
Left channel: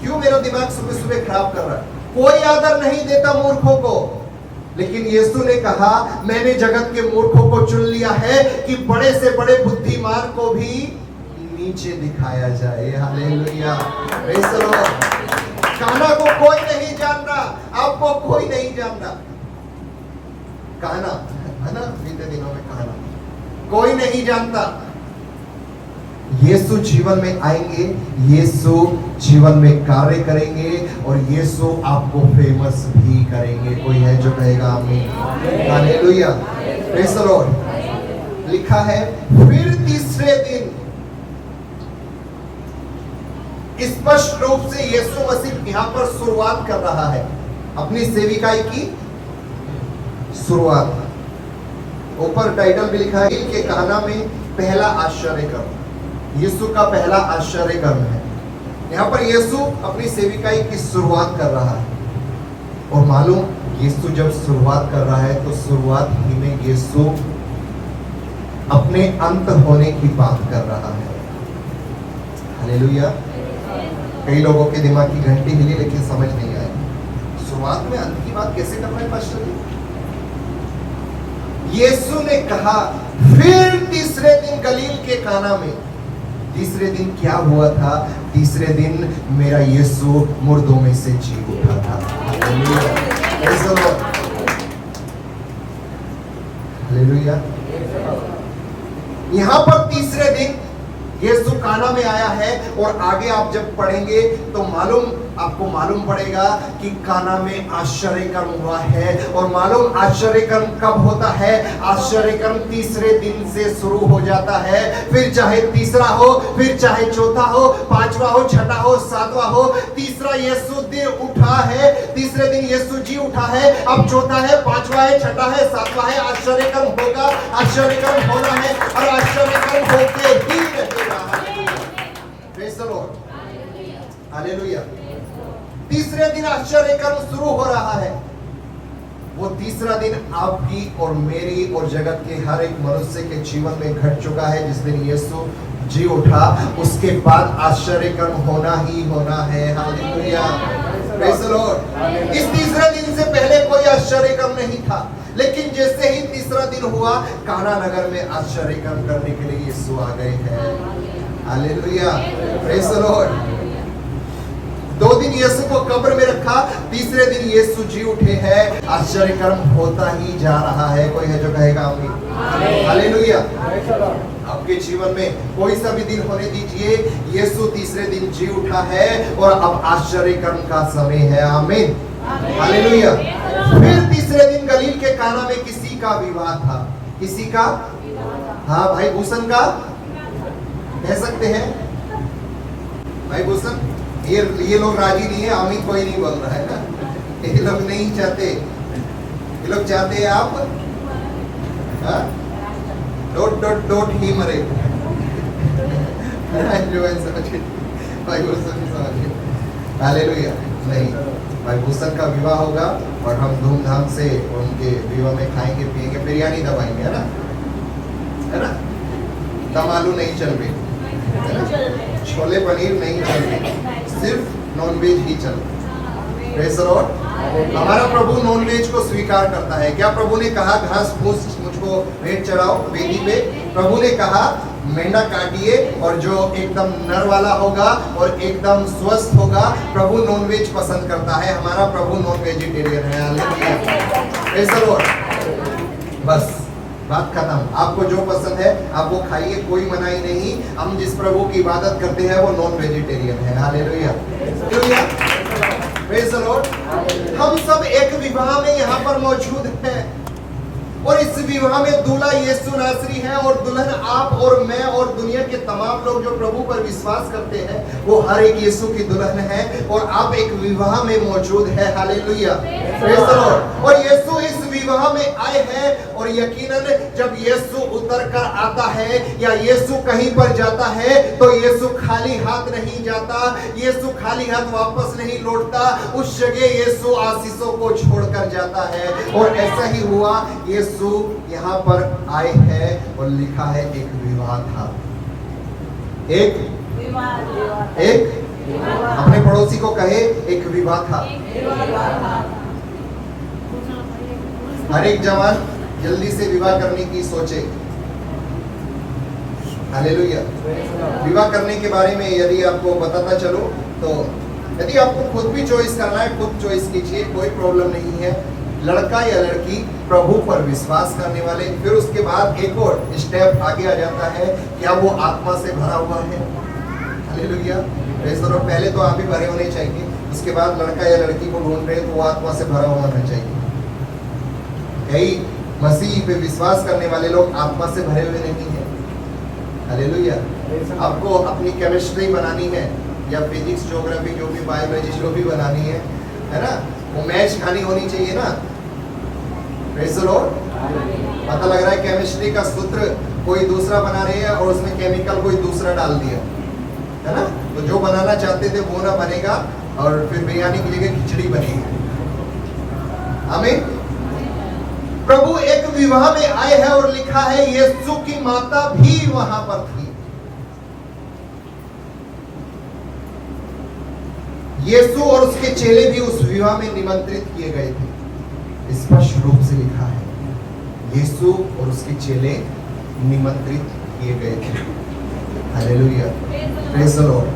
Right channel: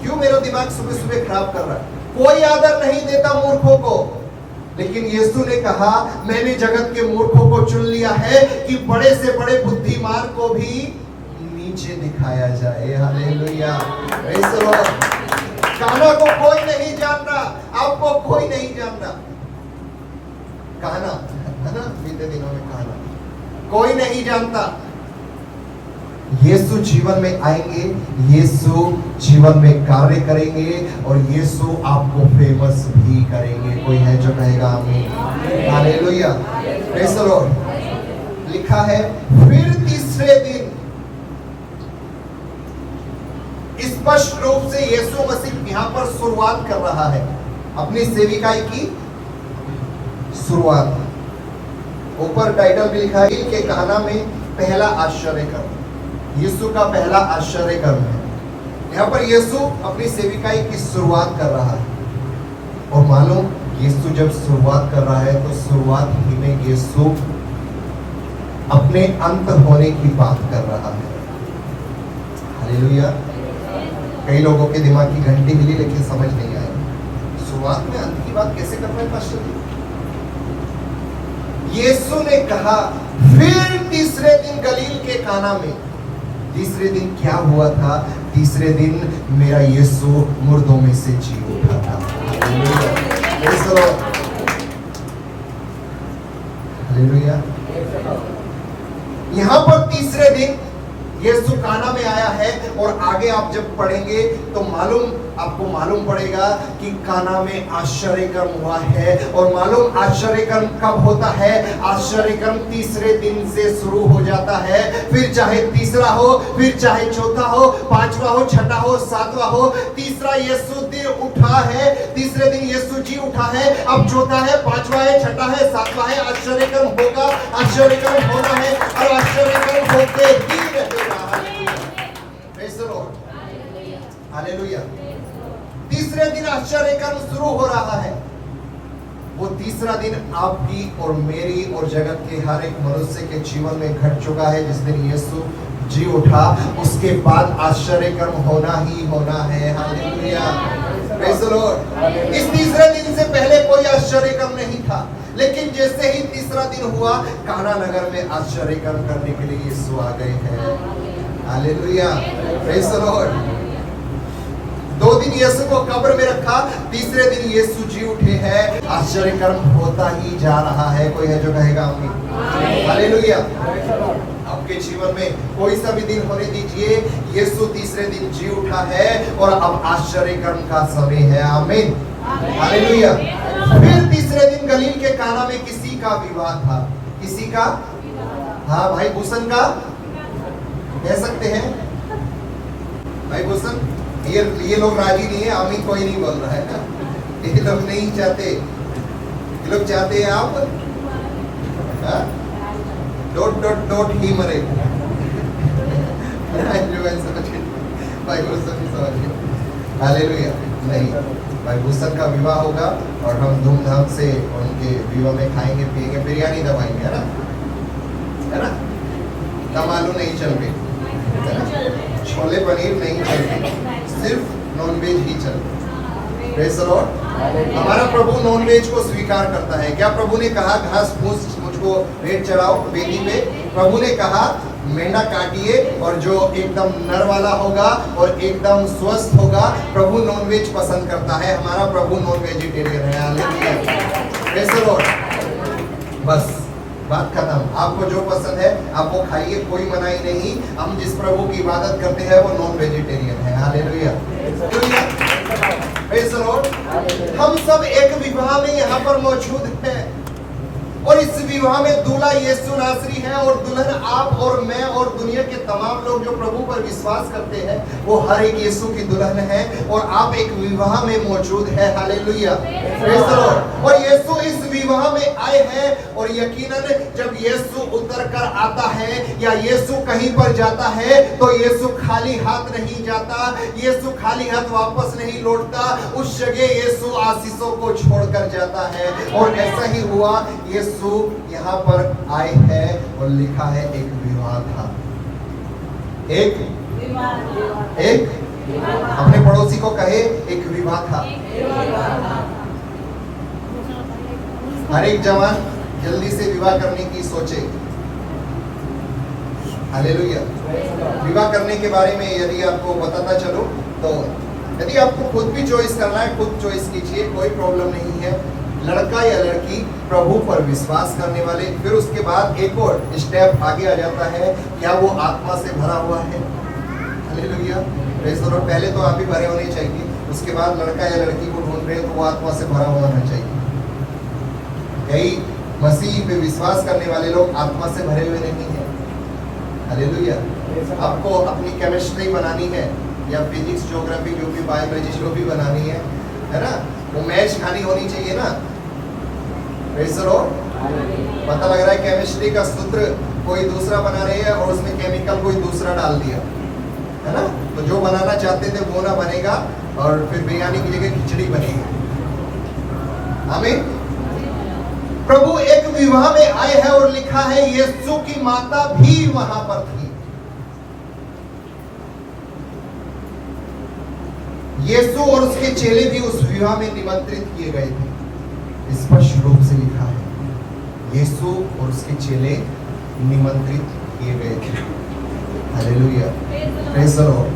क्यों मेरा दिमाग सुबह सुबह खराब कर रहा है। कोई आदर नहीं देता मूर्खों को, लेकिन यीशु ने कहा मैंने जगत के मूर्खों को चुन लिया है कि बड़े से बड़े बुद्धिमान को भी नीचे दिखाया जाए। Hallelujah, praise the Lord. काना को कोई नहीं जान रहा, आपको कोई नहीं जान रहा। काना है ना, बीते दिनों में काना कोई नहीं जानता। यीशु जीवन में आएंगे, यीशु जीवन में कार्य करेंगे और यीशु आपको फेमस भी करेंगे। कोई है जो कहेगा आमीन। Hallelujah, praise the Lord. लिखा है फिर तीसरे दिन, स्पष्ट रूप से यीशु मसीह यहां पर शुरुआत कर रहा है अपनी सेविकाई की शुरुआत। ऊपर टाइटल भी लिखा है कि काना में पहला आश्चर्य कर्म, यीशु का पहला आश्चर्य कर्म है। यहाँ पर यीशु अपनी सेविकाई की शुरुआत कर रहा है और मालूम, यीशु जब शुरुआत कर रहा है तो शुरुआत ही में यीशु अपने अंत होने की बात कर रहा है। हालेलुया। कई लोगों के दिमाग की घंटी हिली लेकिन समझ नहीं आई, शुरुआत में अंत की बात कैसे कर रहे हैं पास्टर जी। यीशु ने कहा फिर तीसरे दिन गलील के काना में। तीसरे दिन क्या हुआ था? तीसरे दिन मेरा यीशु मुर्दों में से जी उठा था। हालेलुया। यहां पर तीसरे दिन यीशु काना में आया है और आगे आप जब पढ़ेंगे तो आपको मालूम पड़ेगा कि काना में आश्चर्य कर्म हुआ है। और मालूम आश्चर्य कर्म कब होता है? आश्चर्य कर्म तीसरे दिन से शुरू हो जाता है। फिर चाहे तीसरा हो, फिर चाहे चौथा हो, पांचवा हो, छठा हो, सातवां हो, तीसरा यीशु दिन उठा है, तीसरे दिन यीशु जी उठा है। अब चौथा है, पांचवा है, छठा है, सातवां है, आश्चर्य कर्म होगा, आश्चर्य कर्म होना है और आश्चर्य कर्म होते ही रहेगा। Praise the Lord, hallelujah. तीसरे दिन आश्चर्य कर्म शुरू हो रहा है। वो तीसरा दिन आपकी और मेरी और जगत के हर एक मनुष्य के जीवन में घट चुका है। जिस दिन यीशु जी उठा उसके बाद आश्चर्य कर्म होना ही होना है। Hallelujah, praise the Lord. इस तीसरे दिन से पहले कोई आश्चर्य कर्म नहीं था, लेकिन जैसे ही तीसरा दिन हुआ, काना नगर में आश्चर्य कर्म करने के लिए यीशु आ गए हैं। Hallelujah, praise the Lord. 2 दिन यीशु को कब्र में रखा, तीसरे दिन यीशु जी उठे हैं, आश्चर्य कर्म होता ही जा रहा है। कोई है जो कहेगा आमीन। हालेलुया। आपके जीवन में कोई सा भी दिन होने दीजिए, यीशु तीसरे दिन जी उठा है और अब आश्चर्य कर्म का समय है। आमीन, हालेलुया। फिर तीसरे दिन गलील के काना में किसी का विवाह था। किसी का? हाँ, भाई भूषण का कह सकते हैं। भाई भूषण, ये लोग राजी नहीं है, आमीन कोई नहीं बोल रहा है ना। ये लोग नहीं चाहते, ये लोग चाहते हैं आप डॉट ही मरे। भाई भूषण समझिए। हालेलुया। नहीं, भाई भूषण का विवाह होगा और हम धूमधाम से उनके विवाह में खाएंगे पिएंगे, बिरयानी दबाएंगे, है ना? दम आलू नहीं चल रही, छोले पनीर नहीं चल रही, सिर्फ नॉनवेज ही चल रहा। Praise the Lord. हमारा प्रभु नॉनवेज को स्वीकार करता है। क्या प्रभु ने कहा घास फूस मुझको भेंट चढ़ाओ वेदी पे? प्रभु ने कहा मेंढा काटिए और जो एकदम नर वाला होगा और एकदम स्वस्थ होगा। प्रभु नॉनवेज पसंद करता है। हमारा प्रभु नॉन वेजिटेरियन है। Hallelujah, praise the Lord. बस बात खत्म। आपको जो पसंद है आप वो खाइए, कोई मनाही नहीं। हम जिस प्रभु की इबादत करते हैं वो नॉन वेजिटेरियन है। Hallelujah, praise the Lord. हम सब एक विवाह में यहाँ पर मौजूद हैं। और इस विवाह में दूल्हा यीशु नासरी है और दुल्हन आप और मैं और दुनिया के तमाम लोग जो प्रभु पर विश्वास करते हैं, वो हर एक यीशु की दुल्हन है और आप एक विवाह में मौजूद है। Hallelujah, praise the Lord. और यीशु इस विवाह में आए हैं और यकीनन जब यीशु उतर कर आता है या यीशु कहीं पर जाता है तो यीशु खाली हाथ नहीं जाता, यीशु खाली हाथ वापस नहीं लौटता। उस जगह यीशु आशीषों को छोड़कर जाता है और ऐसा ही हुआ। यीशु यहाँ पर आए हैं और लिखा है एक विवाह था, एक अपने पड़ोसी को कहे एक विवाह था। हर एक जवान जल्दी से विवाह करने की सोचे। हालेलुया। विवाह करने के बारे में यदि आपको बताता चलो तो यदि आपको खुद भी चॉइस करना है, खुद चॉइस कीजिए, कोई प्रॉब्लम नहीं है। लड़का या लड़की प्रभु पर विश्वास करने वाले, फिर उसके बाद एक और स्टेप आगे आ जाता है, क्या वो आत्मा से भरा हुआ है। Hallelujah, praise the Lord. पहले तो आप ही भरे होने चाहिए, उसके बाद लड़का या लड़की को ढूंढ रहे हैं तो वो आत्मा से भरा हुआ होना चाहिए। कई मसीह पे विश्वास करने वाले लोग आत्मा से भरे हुए नहीं है। हालेलुया। आपको अपनी केमिस्ट्री बनानी है या फिजिक्स, ज्योग्राफी, जो भी बायोलॉजी जो भी बनानी है ना, वो मैच खानी होनी चाहिए ना। Praise the Lord. पता लग रहा है केमिस्ट्री का सूत्र कोई दूसरा बना रहे हैं और उसमें केमिकल कोई दूसरा डाल दिया, है ना। तो जो बनाना चाहते थे वो ना बनेगा और फिर बिरयानी की जगह खिचड़ी बनेगी। आमीन। प्रभु एक विवाह में आए हैं और लिखा है यीशु की माता भी वहां पर थी। यीशु और उसके चेले भी उस विवाह में निमंत्रित किए गए थे। स्पष्ट रूप से लिखा है यीशु और उसके चेले निमंत्रित किए गए थे। Hallelujah, praise the Lord.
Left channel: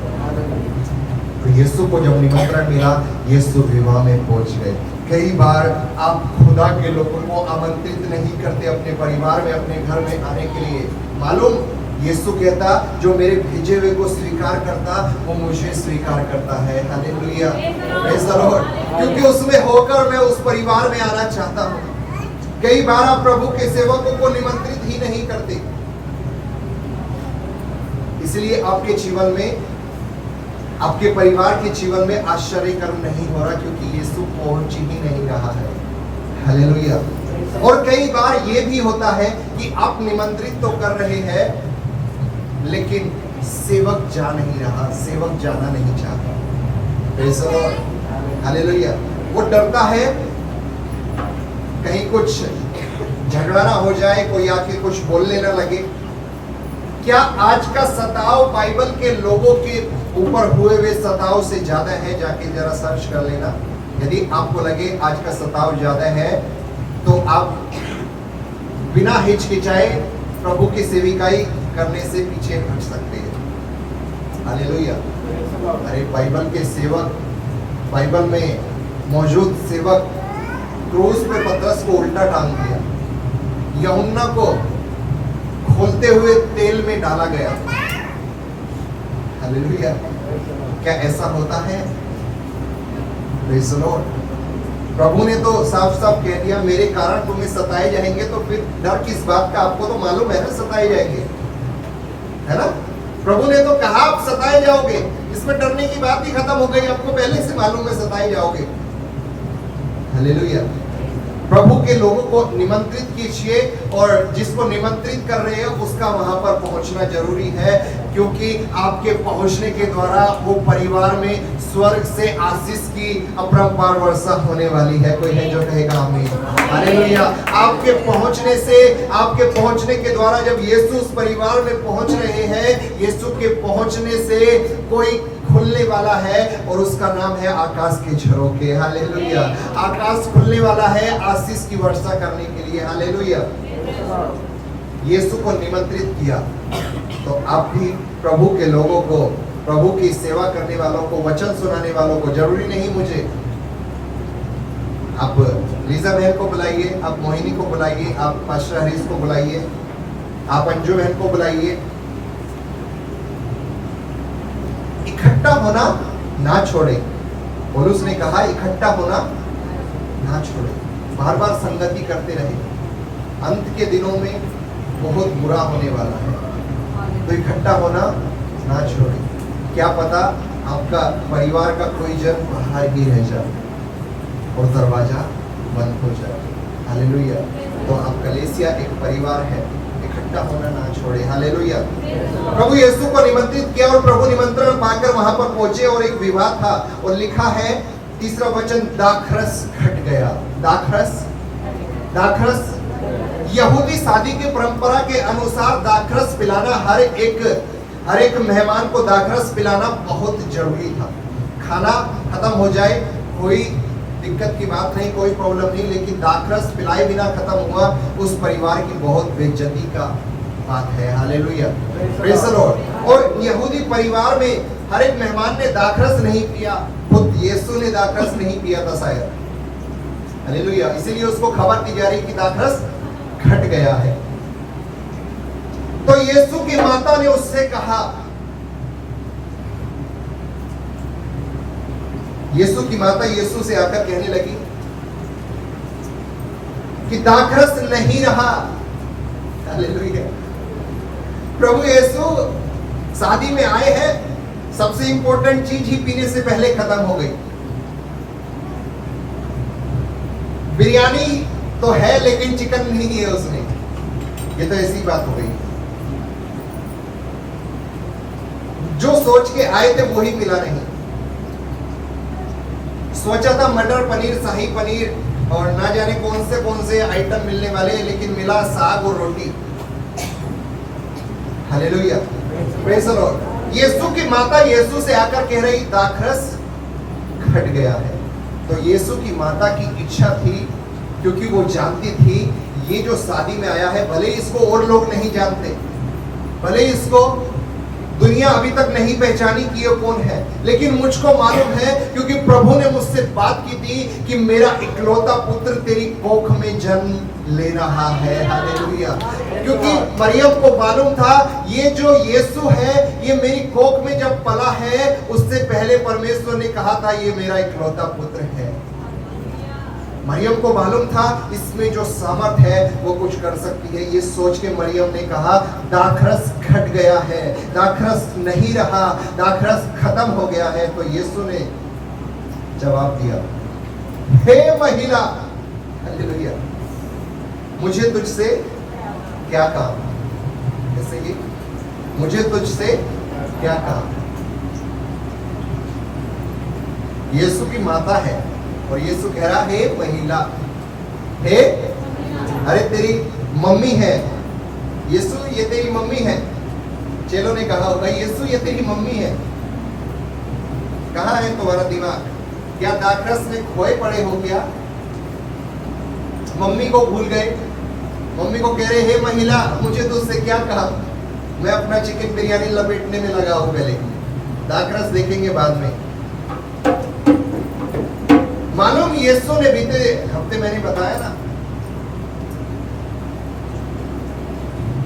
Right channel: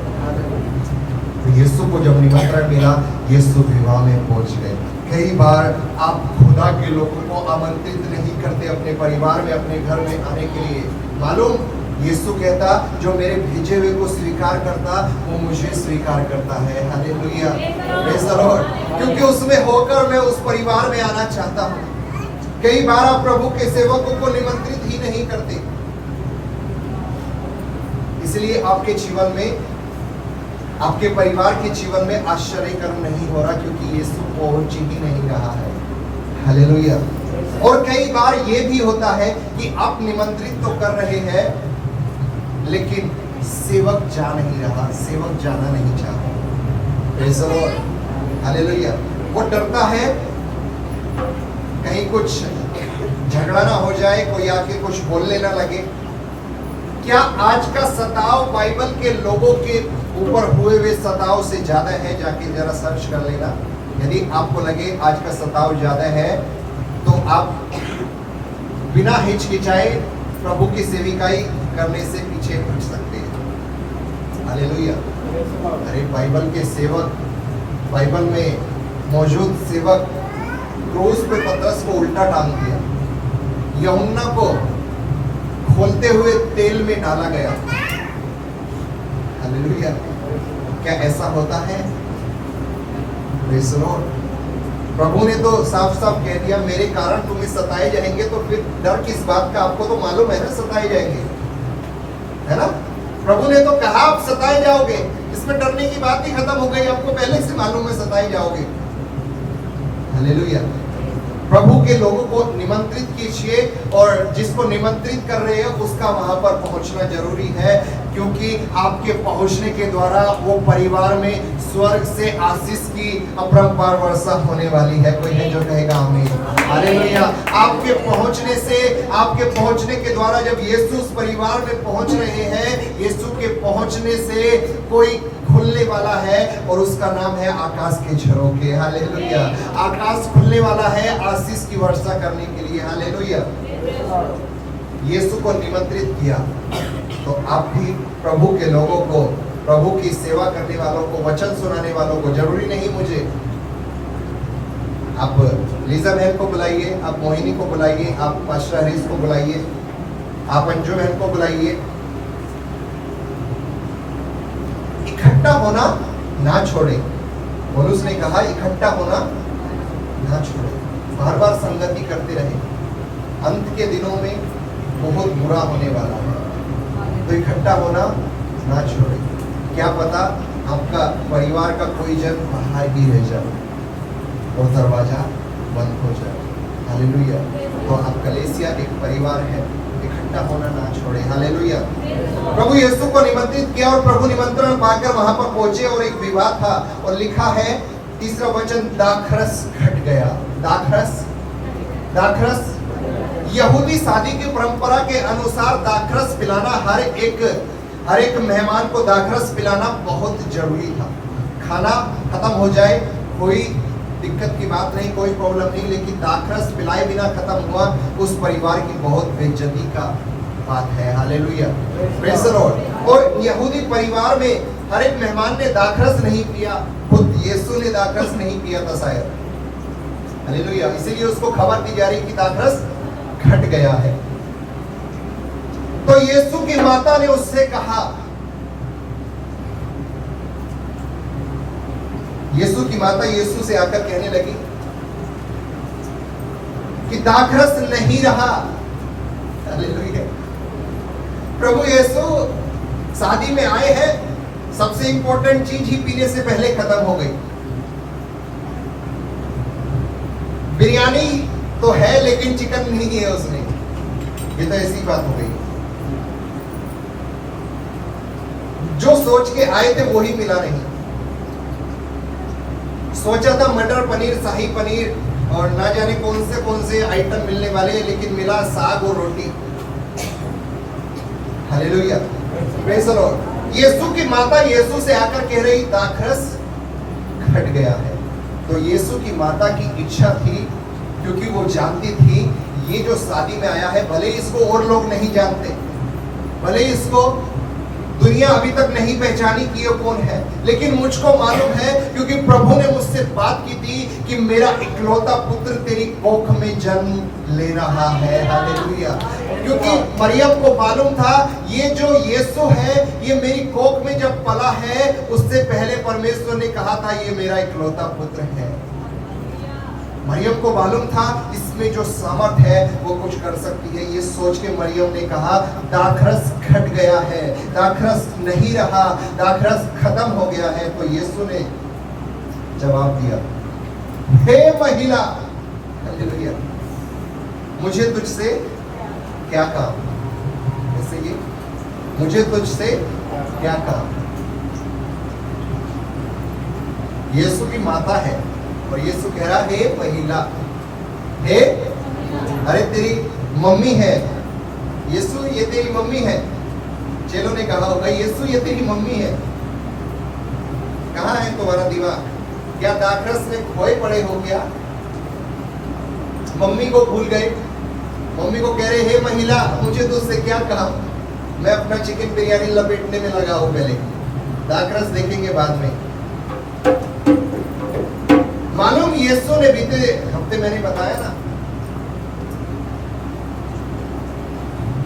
तो यीशु को जब निमंत्रण मिला, यीशु विवाह में पहुंच गए। कई बार आप खुदा के लोगों को आमंत्रित नहीं करते अपने परिवार में, अपने घर में आने के लिए। मालूम, यीशु कहता जो मेरे भेजे हुए को स्वीकार करता वो मुझे स्वीकार करता है। Hallelujah, praise the Lord. क्योंकि उसमें होकर मैं उस परिवार में आना चाहता हूँ। कई बार आप प्रभु के सेवकों को निमंत्रित ही नहीं करते, इसलिए आपके जीवन में, आपके परिवार के जीवन में आश्चर्य कर्म नहीं हो रहा, क्योंकि यीशु पहुंच ही नहीं रहा है। हालेलुया। और कई बार ये भी होता है कि आप निमंत्रित तो कर रहे हैं लेकिन सेवक जा नहीं रहा, सेवक जाना नहीं चाहता। Praise the Lord. हालेलुया। वो डरता है कहीं कुछ झगड़ा ना हो जाए, कोई आके कुछ बोलने ना लगे। क्या आज का सताव बाइबल के लोगों के ऊपर हुए हुए सताव से ज्यादा है? जाके जरा सर्च कर लेना। यदि आपको लगे आज का सताव ज्यादा है तो आप बिना हिचकिचाए प्रभु की सेविकाई करने से पीछे हट सकते हैं। हालेलुया। अरे बाइबल के सेवक, बाइबल में मौजूद सेवक, क्रूस पे पतरस को उल्टा टांग दिया, यूहन्ना को खोलते हुए तेल में डाला गया। हालेलुया। क्या ऐसा होता है? Praise the lord. प्रभु ने तो साफ साफ कह दिया मेरे कारण तुम्हें सताए जाएंगे, तो फिर डर किस बात का? आपको तो मालूम है ना सताए जाएंगे, है ना। प्रभु ने तो कहा आप सताए जाओगे, इसमें डरने की बात ही खत्म हो गई। आपको पहले से मालूम है सताए जाओगे। हालेलुया। प्रभु के लोगों को निमंत्रित कीजिए और जिसको निमंत्रित कर रहे हैं उसका वहां पर पहुंचना जरूरी है, क्योंकि आपके पहुंचने के द्वारा वो परिवार में स्वर्ग से आशीष की अपरंपार वर्षा होने वाली है। कोई है जो कहेगा आमीन? हालेलुया। आपके पहुंचने से, आपके पहुंचने के द्वारा जब यीशु उस परिवार में पहुंच रहे हैं, यीशु के पहुंचने से कोई खुलने वाला है और उसका नाम है आकाश के झरोखे। हालेलुया। आकाश खुलने वाला है आशीष की वर्षा करने के लिए। हालेलुया। यीशु को निमंत्रित किया तो आप भी प्रभु के लोगों को, प्रभु की सेवा करने वालों को, वचन सुनाने वालों को, जरूरी नहीं मुझे, आप लीजा बहन को बुलाइए, आप मोहिनी को बुलाइए, आप पास्टर हरीश को बुलाइए, आप अंजू बहन को बुलाइए। इकट्ठा होना ना छोड़े। पौलुस ने कहा इकट्ठा होना ना छोड़े, बार बार संगति करते रहे। अंत के दिनों में बहुत बुरा होने वाला है। तो इकट्ठा होना ना छोड़े। क्या पता आपका परिवार का कोई जन बाहर ही रह जाए और दरवाजा बंद हो जाए। हालेलुया। तो आप कलीसिया एक परिवार है, इकट्ठा होना ना छोड़े। हालेलुया। प्रभु यीशु को निमंत्रित किया और प्रभु निमंत्रण पाकर वहां पर पहुंचे और एक विवाह था और लिखा है तीसरा वचन, दाखरस घट गया। दाखरस यहूदी शादी की परंपरा के अनुसार दाखरस पिलाना हर एक मेहमान को दाखरस पिलाना बहुत जरूरी था। खाना खत्म हो जाए कोई दिक्कत की बात नहीं, कोई प्रॉब्लम नहीं, लेकिन दाखरस पिलाए बिना खत्म हुआ उस परिवार की बहुत बेइज्जती का बात है। Hallelujah, praise the Lord. और यहूदी परिवार में हर एक मेहमान ने दाखरस नहीं पिया, खुद यीशु ने दाखरस नहीं पिया था शायद। हालेलुया। इसीलिए उसको खबर दी जा रही कि दाखरस घट गया है। तो यीशु की माता ने उससे कहा, यीशु की माता यीशु से आकर कहने लगी कि दाखरस नहीं रहा। हालेलुया। प्रभु यीशु शादी में आए हैं, सबसे इंपॉर्टेंट चीज ही पीने से पहले खत्म हो गई। बिरयानी तो है लेकिन चिकन नहीं है उसने, ये तो ऐसी बात हो गई। जो सोच के आए थे वही मिला नहीं। सोचा था मटर पनीर, शाही पनीर और ना जाने कौन से आइटम मिलने वाले, लेकिन मिला साग और रोटी। Hallelujah, praise the lord. यीशु की माता यीशु से आकर कह रही दाखरस घट गया है। तो यीशु की माता की इच्छा थी, क्योंकि वो जानती थी ये जो शादी में आया है, भले इसको और लोग नहीं जानते, भले इसको दुनिया अभी तक नहीं पहचानी कि ये कौन है, लेकिन मुझको मालूम है क्योंकि प्रभु ने मुझसे बात की थी कि मेरा इकलौता पुत्र तेरी कोख में जन्म ले रहा है। हालेलुया। क्योंकि मरियम को मालूम था ये जो यीशु है ये मेरी कोख में जब पला है, उससे पहले परमेश्वर ने कहा था ये मेरा इकलौता पुत्र है। मरियम को मालूम था इसमें जो सामर्थ है वो कुछ कर सकती है। ये सोच के मरियम ने कहा दाखरस घट गया है, दाखरस नहीं रहा, दाखरस खत्म हो गया है। तो यीशु ने जवाब दिया, हे महिला, हालेलुया, मुझे तुझसे क्या काम? जैसे ये मुझे तुझसे क्या काम? यीशु की माता है और यीशु कह रहा है महिला, हे, अरे तेरी मम्मी है। यीशु ये तेरी मम्मी है। चेलों ने कहा होगा यीशु ये तेरी मम्मी है। कहाँ है तुम्हारा दिमाग? क्या दाखरस में खोए पड़े हो क्या? मम्मी को भूल गए। मम्मी को कह रहे हे महिला, मुझे तुझसे क्या कहा? मैं अपना चिकन बिरयानी लपेटने में लगा हूं, पहले दाखरस देखेंगे बाद में। मालूम यीशु ने बीते हफ्ते मैंने बताया ना,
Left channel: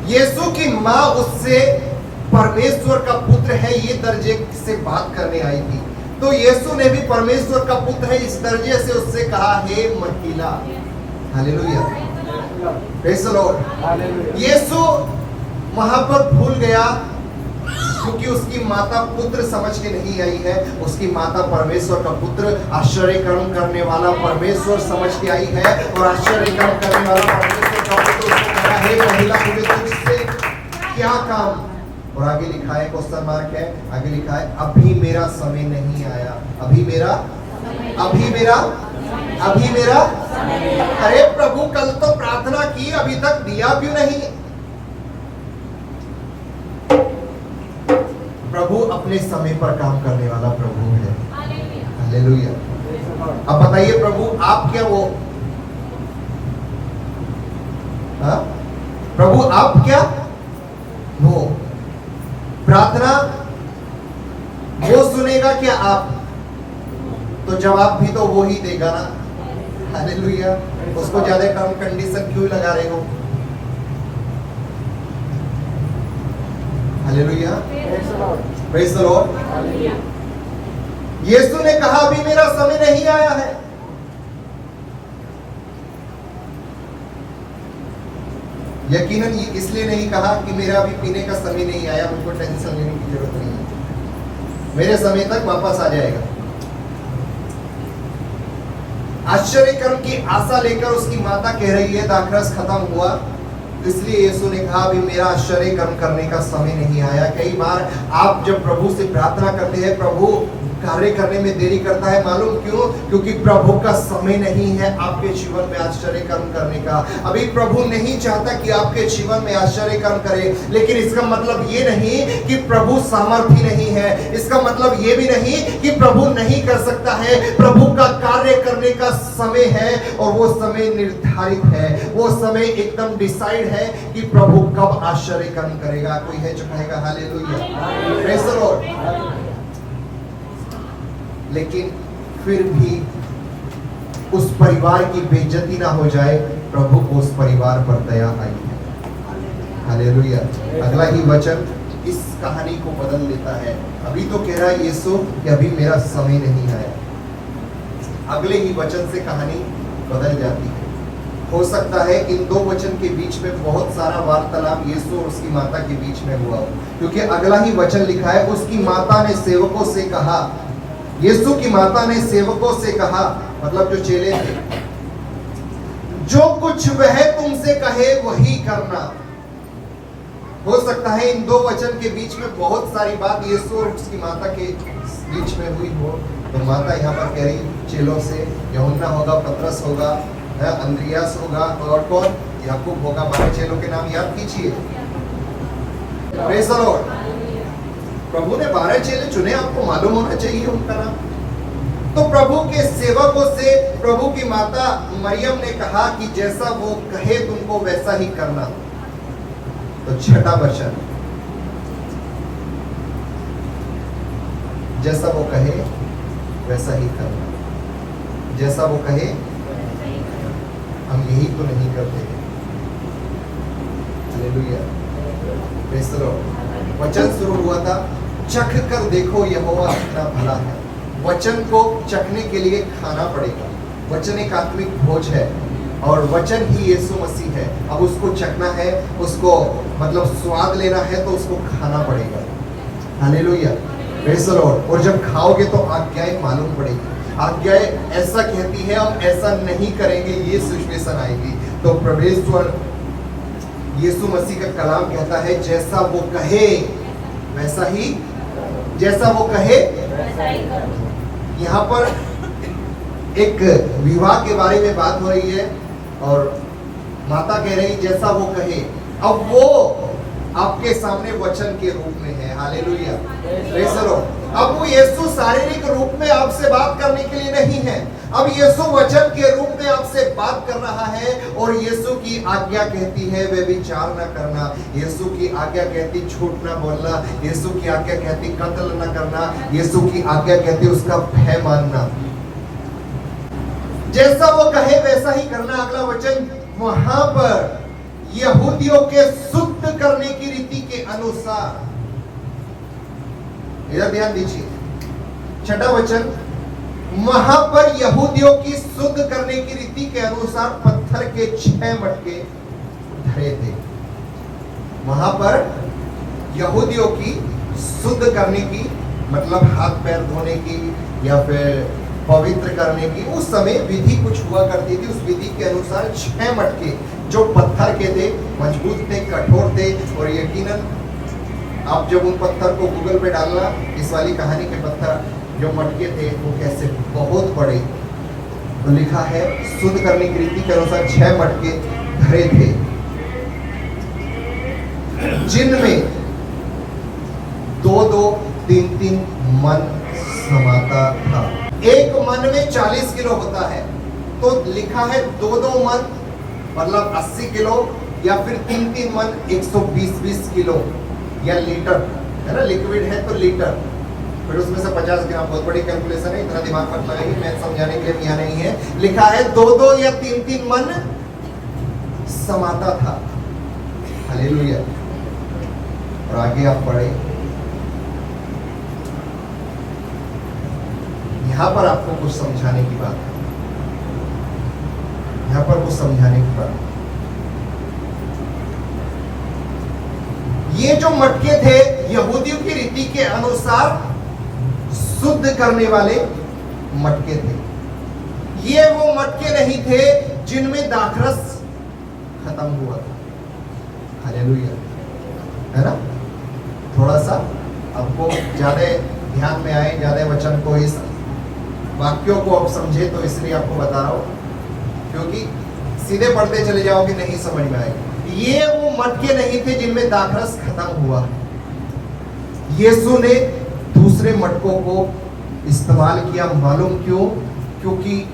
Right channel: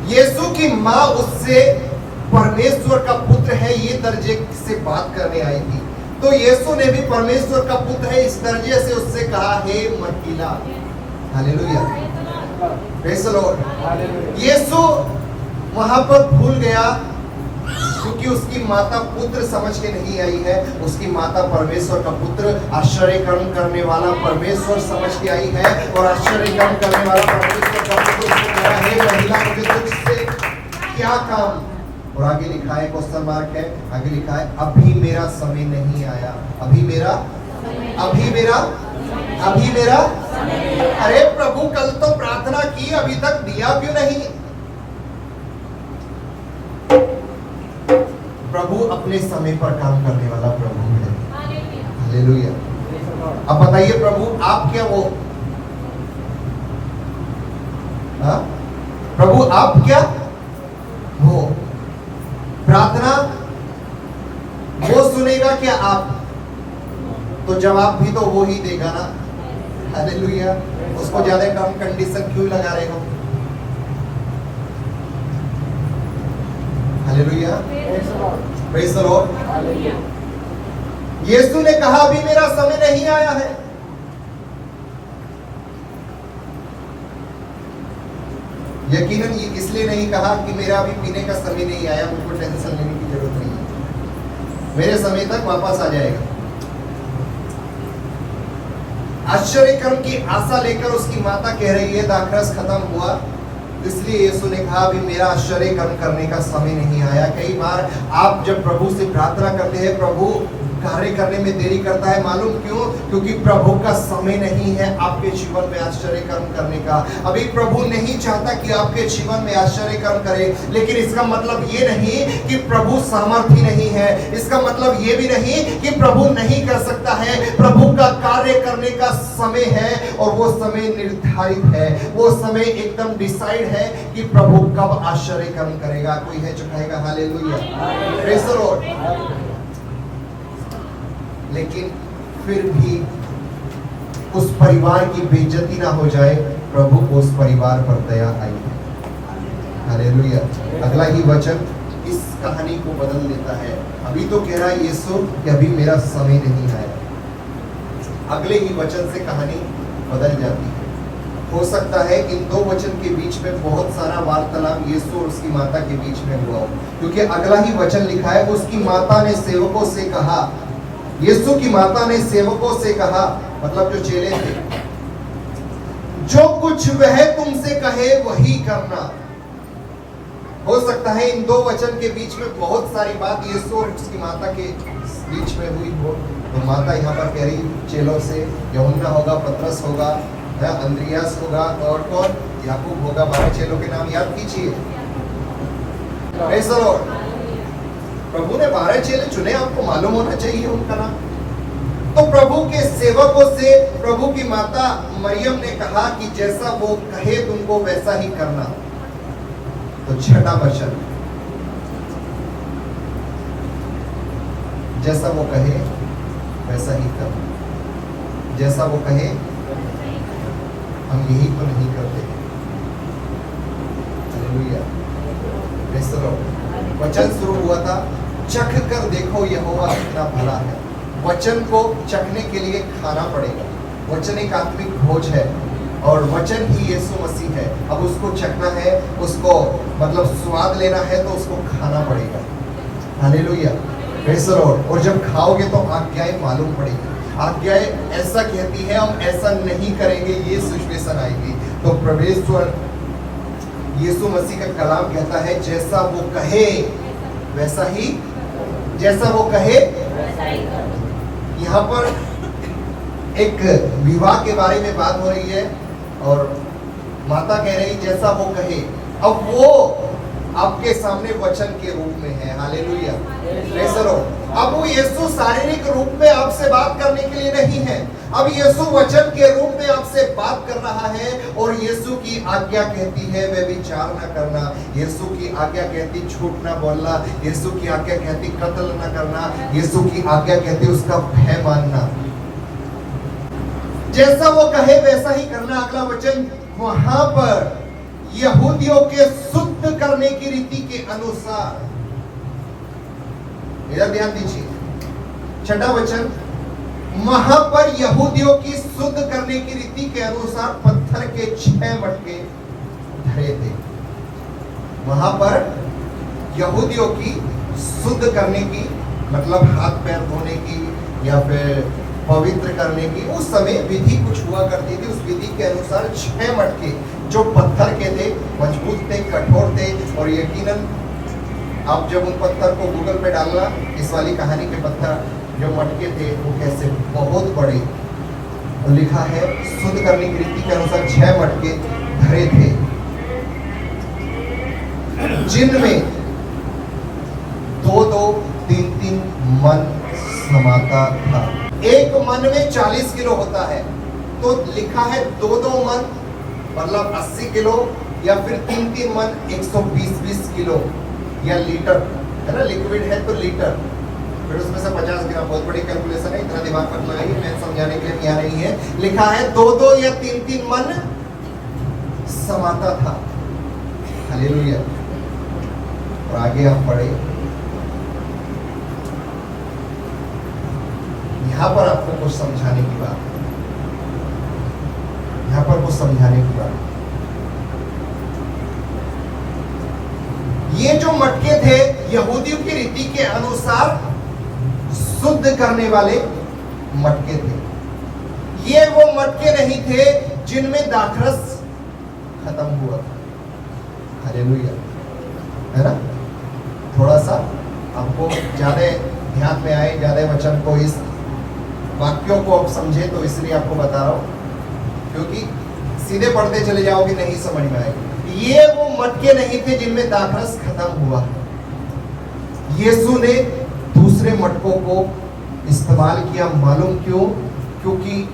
यीशु की माँ उससे परमेश्वर का पुत्र है ये दर्जे से बात करने आई थी। तो यीशु ने भी परमेश्वर का पुत्र है इस दर्जे से उससे कहा हे महिला। Hallelujah, praise the lord. यीशु वहां पर भूल गया क्योंकि उसकी माता पुत्र समझ के नहीं आई है, उसकी माता परमेश्वर का पुत्र, आश्चर्य कर्म करने वाला परमेश्वर समझ के आई है। और आश्चर्य कर्म करने वाला परमेश्वर का पुत्र उसको कह रहा है हे महिला, मुझे तुझसे क्या काम? और आगे लिखा है, क्वेश्चन मार्क है, आगे लिखा है अभी मेरा समय नहीं आया। अभी मेरा अरे प्रभु कल तो प्रार्थना की, अभी तक दिया क्यों नहीं? प्रभु अपने समय पर काम करने वाला प्रभु है। हालेलुया। अब बताइए प्रभु आप क्या वो? हाँ? प्रभु आप क्या वो? प्रार्थना वो सुनेगा क्या आप? तो जवाब भी तो वो ही देगा ना। हालेलुया। उसको ज्यादा कम कंडीशन क्यों लगा रहे हो? Hallelujah, praise the lord. यीशु ने कहा अभी मेरा समय नहीं आया है। यकीनन ये इसलिए नहीं कहा कि मेरा अभी पीने का समय नहीं आया, मुझको टेंशन लेने की जरूरत नहीं है, मेरे समय तक वापस आ जाएगा। आश्चर्य कर्म की आशा लेकर उसकी माता कह रही है दाखरस खत्म हुआ, इसलिए यीशु ने कहा अभी मेरा आश्चर्य कर्म करने का समय नहीं आया। कई बार आप जब प्रभु से प्रार्थना करते हैं, प्रभु कार्य करने में देरी करता है, मालूम क्यों? क्योंकि प्रभु का समय नहीं है आपके जीवन में आश्चर्य कर्म करने का। अभी प्रभु नहीं चाहता कि आपके जीवन में आश्चर्य कर्म करे, लेकिन इसका मतलब ये नहीं कि प्रभु सामर्थ्य नहीं है, इसका मतलब ये भी नहीं कि प्रभु नहीं कर सकता है। प्रभु का कार्य करने का समय है और वो समय निर्धारित है, वो समय एकदम डिसाइड है कि प्रभु कब आश्चर्य कर्म करेगा। कोई है जो कहेगा हालेलुया, प्रेज़ द लॉर्ड। लेकिन फिर भी उस परिवार की बेइज्जती ना हो जाए, प्रभु को उस परिवार पर दया आई है। हालेलुया। अगला ही वचन इस कहानी को बदल देता है। अभी तो कह रहा है यीशु कि अभी मेरा समय नहीं आया, अगले ही वचन से कहानी बदल जाती है। हो सकता है इन दो वचन के बीच में बहुत सारा वार्तालाप यीशु और उसकी माता के बीच में हुआ हो, क्योंकि अगला ही वचन लिखा है उसकी माता ने सेवकों से कहा, यीशु की माता ने सेवकों से कहा, मतलब जो चेले थे, जो कुछ वह तुमसे कहे वही करना। हो सकता है इन दो वचन के बीच में बहुत सारी बात यीशु और उसकी माता के बीच में हुई हो। तो माता यहाँ पर कह रही चेलों से, यूहन्ना होगा, पतरस होगा, अंद्रियास होगा और कौन, याकूब होगा। 12 चेलों के नाम याद कीजिए। Praise the lord. प्रभु ने 12 चेले चुने, आपको मालूम होना चाहिए उनका नाम। तो प्रभु के सेवकों से प्रभु की माता मरियम ने कहा कि जैसा वो कहे तुमको वैसा ही करना। तो छठा वचन, जैसा वो कहे वैसा ही करना। जैसा वो कहे, हम यही तो नहीं करते। Hallelujah, praise the Lord. वचन शुरू हुआ था, चख कर देखो यहोवा कितना भला है। वचन को चखने के लिए खाना पड़ेगा। वचन एक आत्मिक भोज है और वचन ही यीशु मसीह है। अब उसको चखना है, उसको मतलब स्वाद लेना है तो उसको खाना पड़ेगा। Hallelujah, praise the Lord. और जब खाओगे तो आज्ञाएं मालूम पड़ेगी। आज्ञाएं ऐसा कहती है, हम ऐसा नहीं करेंगे, ये सिचुएशन आएगी। तो परमेश्वर यीशु मसीह का कलाम कहता है जैसा वो कहे वैसा ही, जैसा वो कहे वैसा ही करो। यहाँ पर एक विवाह के बारे में बात हो रही है और माता कह रही जैसा वो कहे। अब वो आपके सामने वचन के रूप में है। Hallelujah, praise the Lord. अब वो यीशु शारीरिक रूप में आपसे बात करने के लिए नहीं है, अब यीशु वचन के रूप में आपसे बात कर रहा है। और यीशु की आज्ञा कहती है व्यभिचार न करना, यीशु की आज्ञा कहती झूठ न बोलना, यीशु की आज्ञा कहती कत्ल न करना, यीशु की आज्ञा कहती उसका भय मानना। जैसा वो कहे वैसा ही करना। अगला वचन, वहां पर यहूदियों के शुद्ध करने की रीति के अनुसार, इधर ध्यान दीजिए। छठा वचन, वहां पर यहूदियों की शुद्ध करने की रीति के अनुसार पत्थर के 6 मटके धरे थे। वहां पर यहूदियों की शुद्ध करने की मतलब हाथ पैर धोने की या फिर पवित्र करने की उस समय विधि कुछ हुआ करती थी। उस विधि के अनुसार 6 मटके जो पत्थर के थे, मजबूत थे, कठोर थे। और यकीनन आप जब उन पत्थर को गूगल पे डालना, इस वाली कहानी के पत्थर जो मटके थे वो कैसे बहुत बड़े। तो लिखा है शुद्ध करने की रीति के अनुसार 6 मटके धरे थे, जिनमें 2-2, 3-3 मन समाता था। एक मन में 40 किलो होता है, तो लिखा है 2-2 मन मतलब 80 किलो या फिर 3-3 मन 120 किलो या लीटर, है ना, लिक्विड है तो लीटर, फिर उसमें से 50 ग्राम। बहुत बड़ी कैलकुलेशन है, इतना दिमाग मत लगाइए, मैं समझाने के लिए यहाँ नहीं है। लिखा है 2-2 या 3-3 मन समाता था। हालेलुया। और आगे आप पढ़े, यहाँ पर आपको कुछ समझाने की बात है, यहाँ पर कुछ समझाने की बात। ये जो मटके थे यहूदियों की रीति के अनुसार शुद्ध करने वाले मटके थे। ये वो मटके नहीं थे जिनमें दाखरस खत्म हुआ था। हालेलुया, है ना? थोड़ा सा आपको ज्यादा ध्यान में आए, ज्यादा वचन को, इस वाक्यों को आप समझे, तो इसलिए आपको बता रहा हूं, क्योंकि सीधे पढ़ते चले जाओगे नहीं समझ में आएगा। ये वो मटके नहीं थे जिनमें दाखरस खत्म हुआ। यीशु ने दूसरे मटकों को इस्तेमाल किया। मालूम क्यों? क्योंकि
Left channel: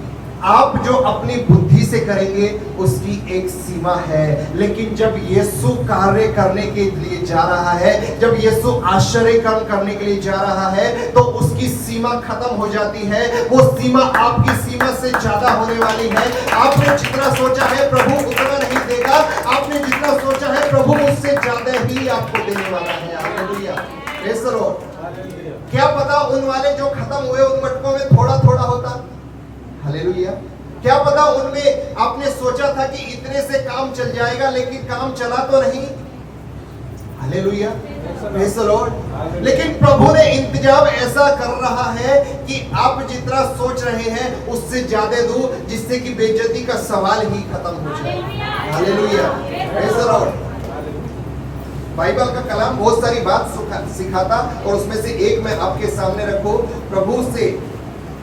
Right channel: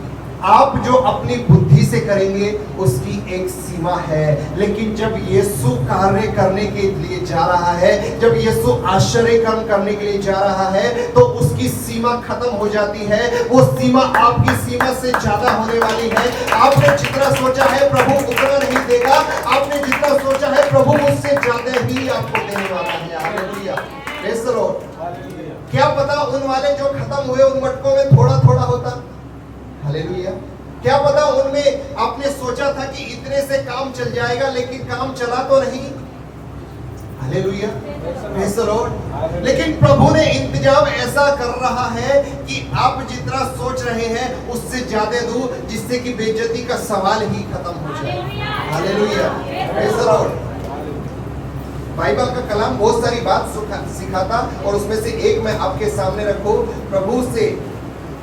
आप जो अपनी बुद्धि से करेंगे उसकी एक सीमा है, लेकिन जब यीशु कार्य करने के लिए जा रहा है, जब यीशु आश्चर्य कर्म करने के लिए जा रहा है, तो उसकी सीमा खत्म हो जाती है। वो सीमा आपकी सीमा से ज्यादा होने वाली है। आपने जितना सोचा है प्रभु उतना नहीं देगा, आपने जितना सोचा है प्रभु उससे ज्यादा ही आपको देने वाला है। Hallelujah, praise the Lord. क्या पता उन वाले जो खत्म हुए उन मटकों में थोड़ा थोड़ा होता। हालेलुया, क्या पता उनमें आपने सोचा था कि इतने से काम चल जाएगा, लेकिन काम चला तो नहीं। Hallelujah, praise the Lord. लेकिन प्रभु ने इंतजाम ऐसा कर रहा है कि आप जितना सोच रहे हैं उससे ज्यादा दो, जिससे कि बेइज्जती का सवाल ही खत्म हो जाए। Hallelujah, praise the Lord. Bible का कलाम बहुत सारी बात सिखाता, और उसमें से एक मैं आपके सामने रखूं। प्रभु से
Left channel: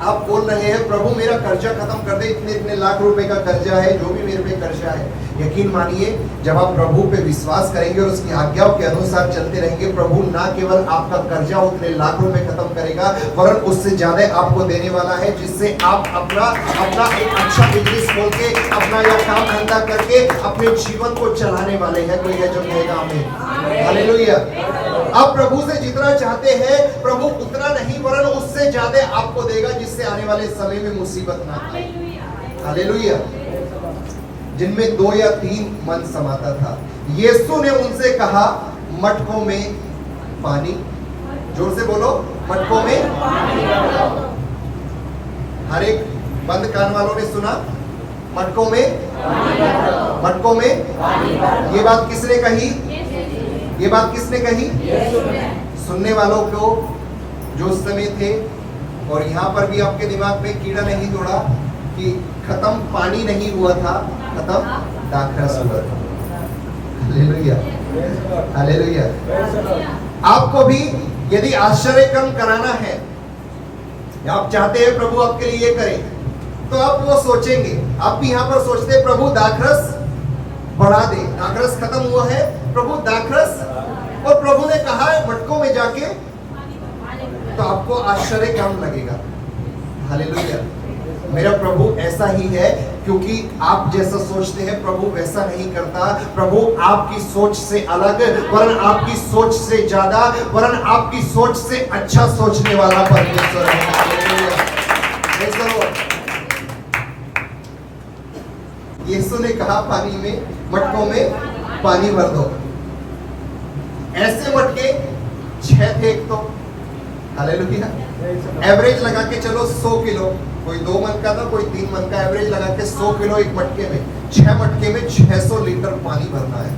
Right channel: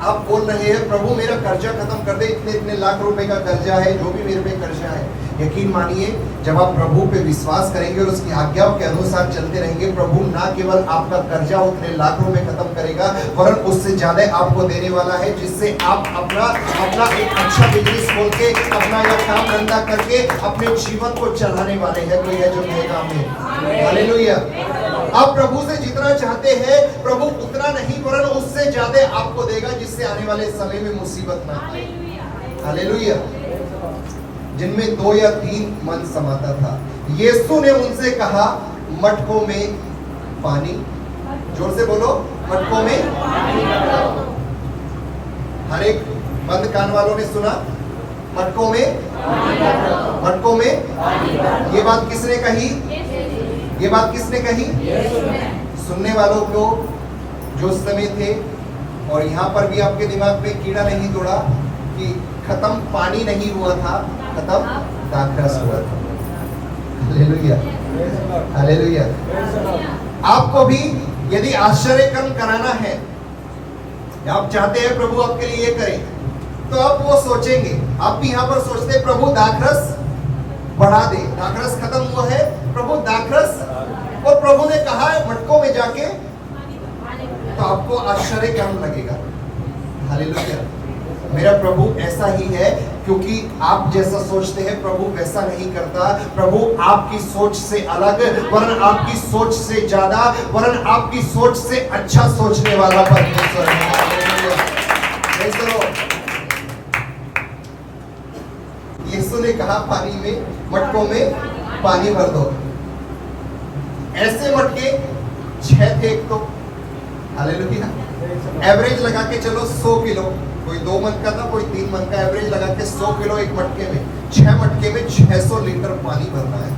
आप बोल रहे हैं प्रभु मेरा कर्जा खत्म कर दे, इतने इतने लाख रुपए का कर्जा है, जो भी मेरे पे कर्जा है। यकीन मानिए, जब आप प्रभु पे विश्वास करेंगे और उसकी आज्ञाओं के अनुसार चलते रहेंगे, प्रभु ना केवल आपका कर्जा उतने लाख रुपए खत्म करेगा, वरन उससे ज्यादा आपको देने वाला है, जिससे आप अपना एक अच्छा बिजनेस खोल के, अपना यह काम धंधा करके अपने जीवन को चलाने वाले हैं। कोई है जो कहेगा आमीन? हालेलुया। आप प्रभु से जितना चाहते हैं प्रभु उतना नहीं, वरन उससे ज्यादा आपको देगा, जिससे आने वाले समय में मुसीबत ना आए। हालेलुया। जिनमें 2 या 3 मन समाता था, यीशु ने उनसे कहा मटकों में पानी, जोर से बोलो, मटकों में पानी। हर एक बंद कान वालों ने सुना, मटकों में पानी, मटकों में पानी। ये बात किसने कही? ये बात किसने कही? सुनने वालों को जो उस समय थे, और यहाँ पर भी आपके दिमाग में कीड़ा नहीं तोड़ा कि खत्म पानी नहीं हुआ था, खत्म दाखरस हुआ था। Hallelujah, hallelujah. आपको भी यदि आश्चर्य कर्म कराना है, आप चाहते हैं प्रभु आपके लिए ये करे, तो आप वो सोचेंगे। आप भी यहाँ पर सोचते प्रभु दाखरस बढ़ा दे, दाखरस खत्म हुआ है प्रभु दाखरस, और प्रभु ने कहा है मटकों में जाके, तो आपको आश्चर्य कर्म लगेगा। हालेलुया। मेरा प्रभु ऐसा ही है, क्योंकि आप जैसा सोचते हैं प्रभु वैसा नहीं करता। प्रभु आपकी सोच से अलग, वरन आपकी सोच से ज्यादा, वरन आपकी सोच से अच्छा सोचने वाला परमेश्वर है। यीशु ने कहा पानी में, मटकों में पानी भर दो। ऐसे मटके 6 थे एक तो। हालेलुया। एवरेज लगा के चलो 100 किलो, कोई 2 मन का था, कोई 3 मन का, एवरेज लगा के 100 किलो एक मटके में। 6 मटके में 600 लीटर पानी भरना है,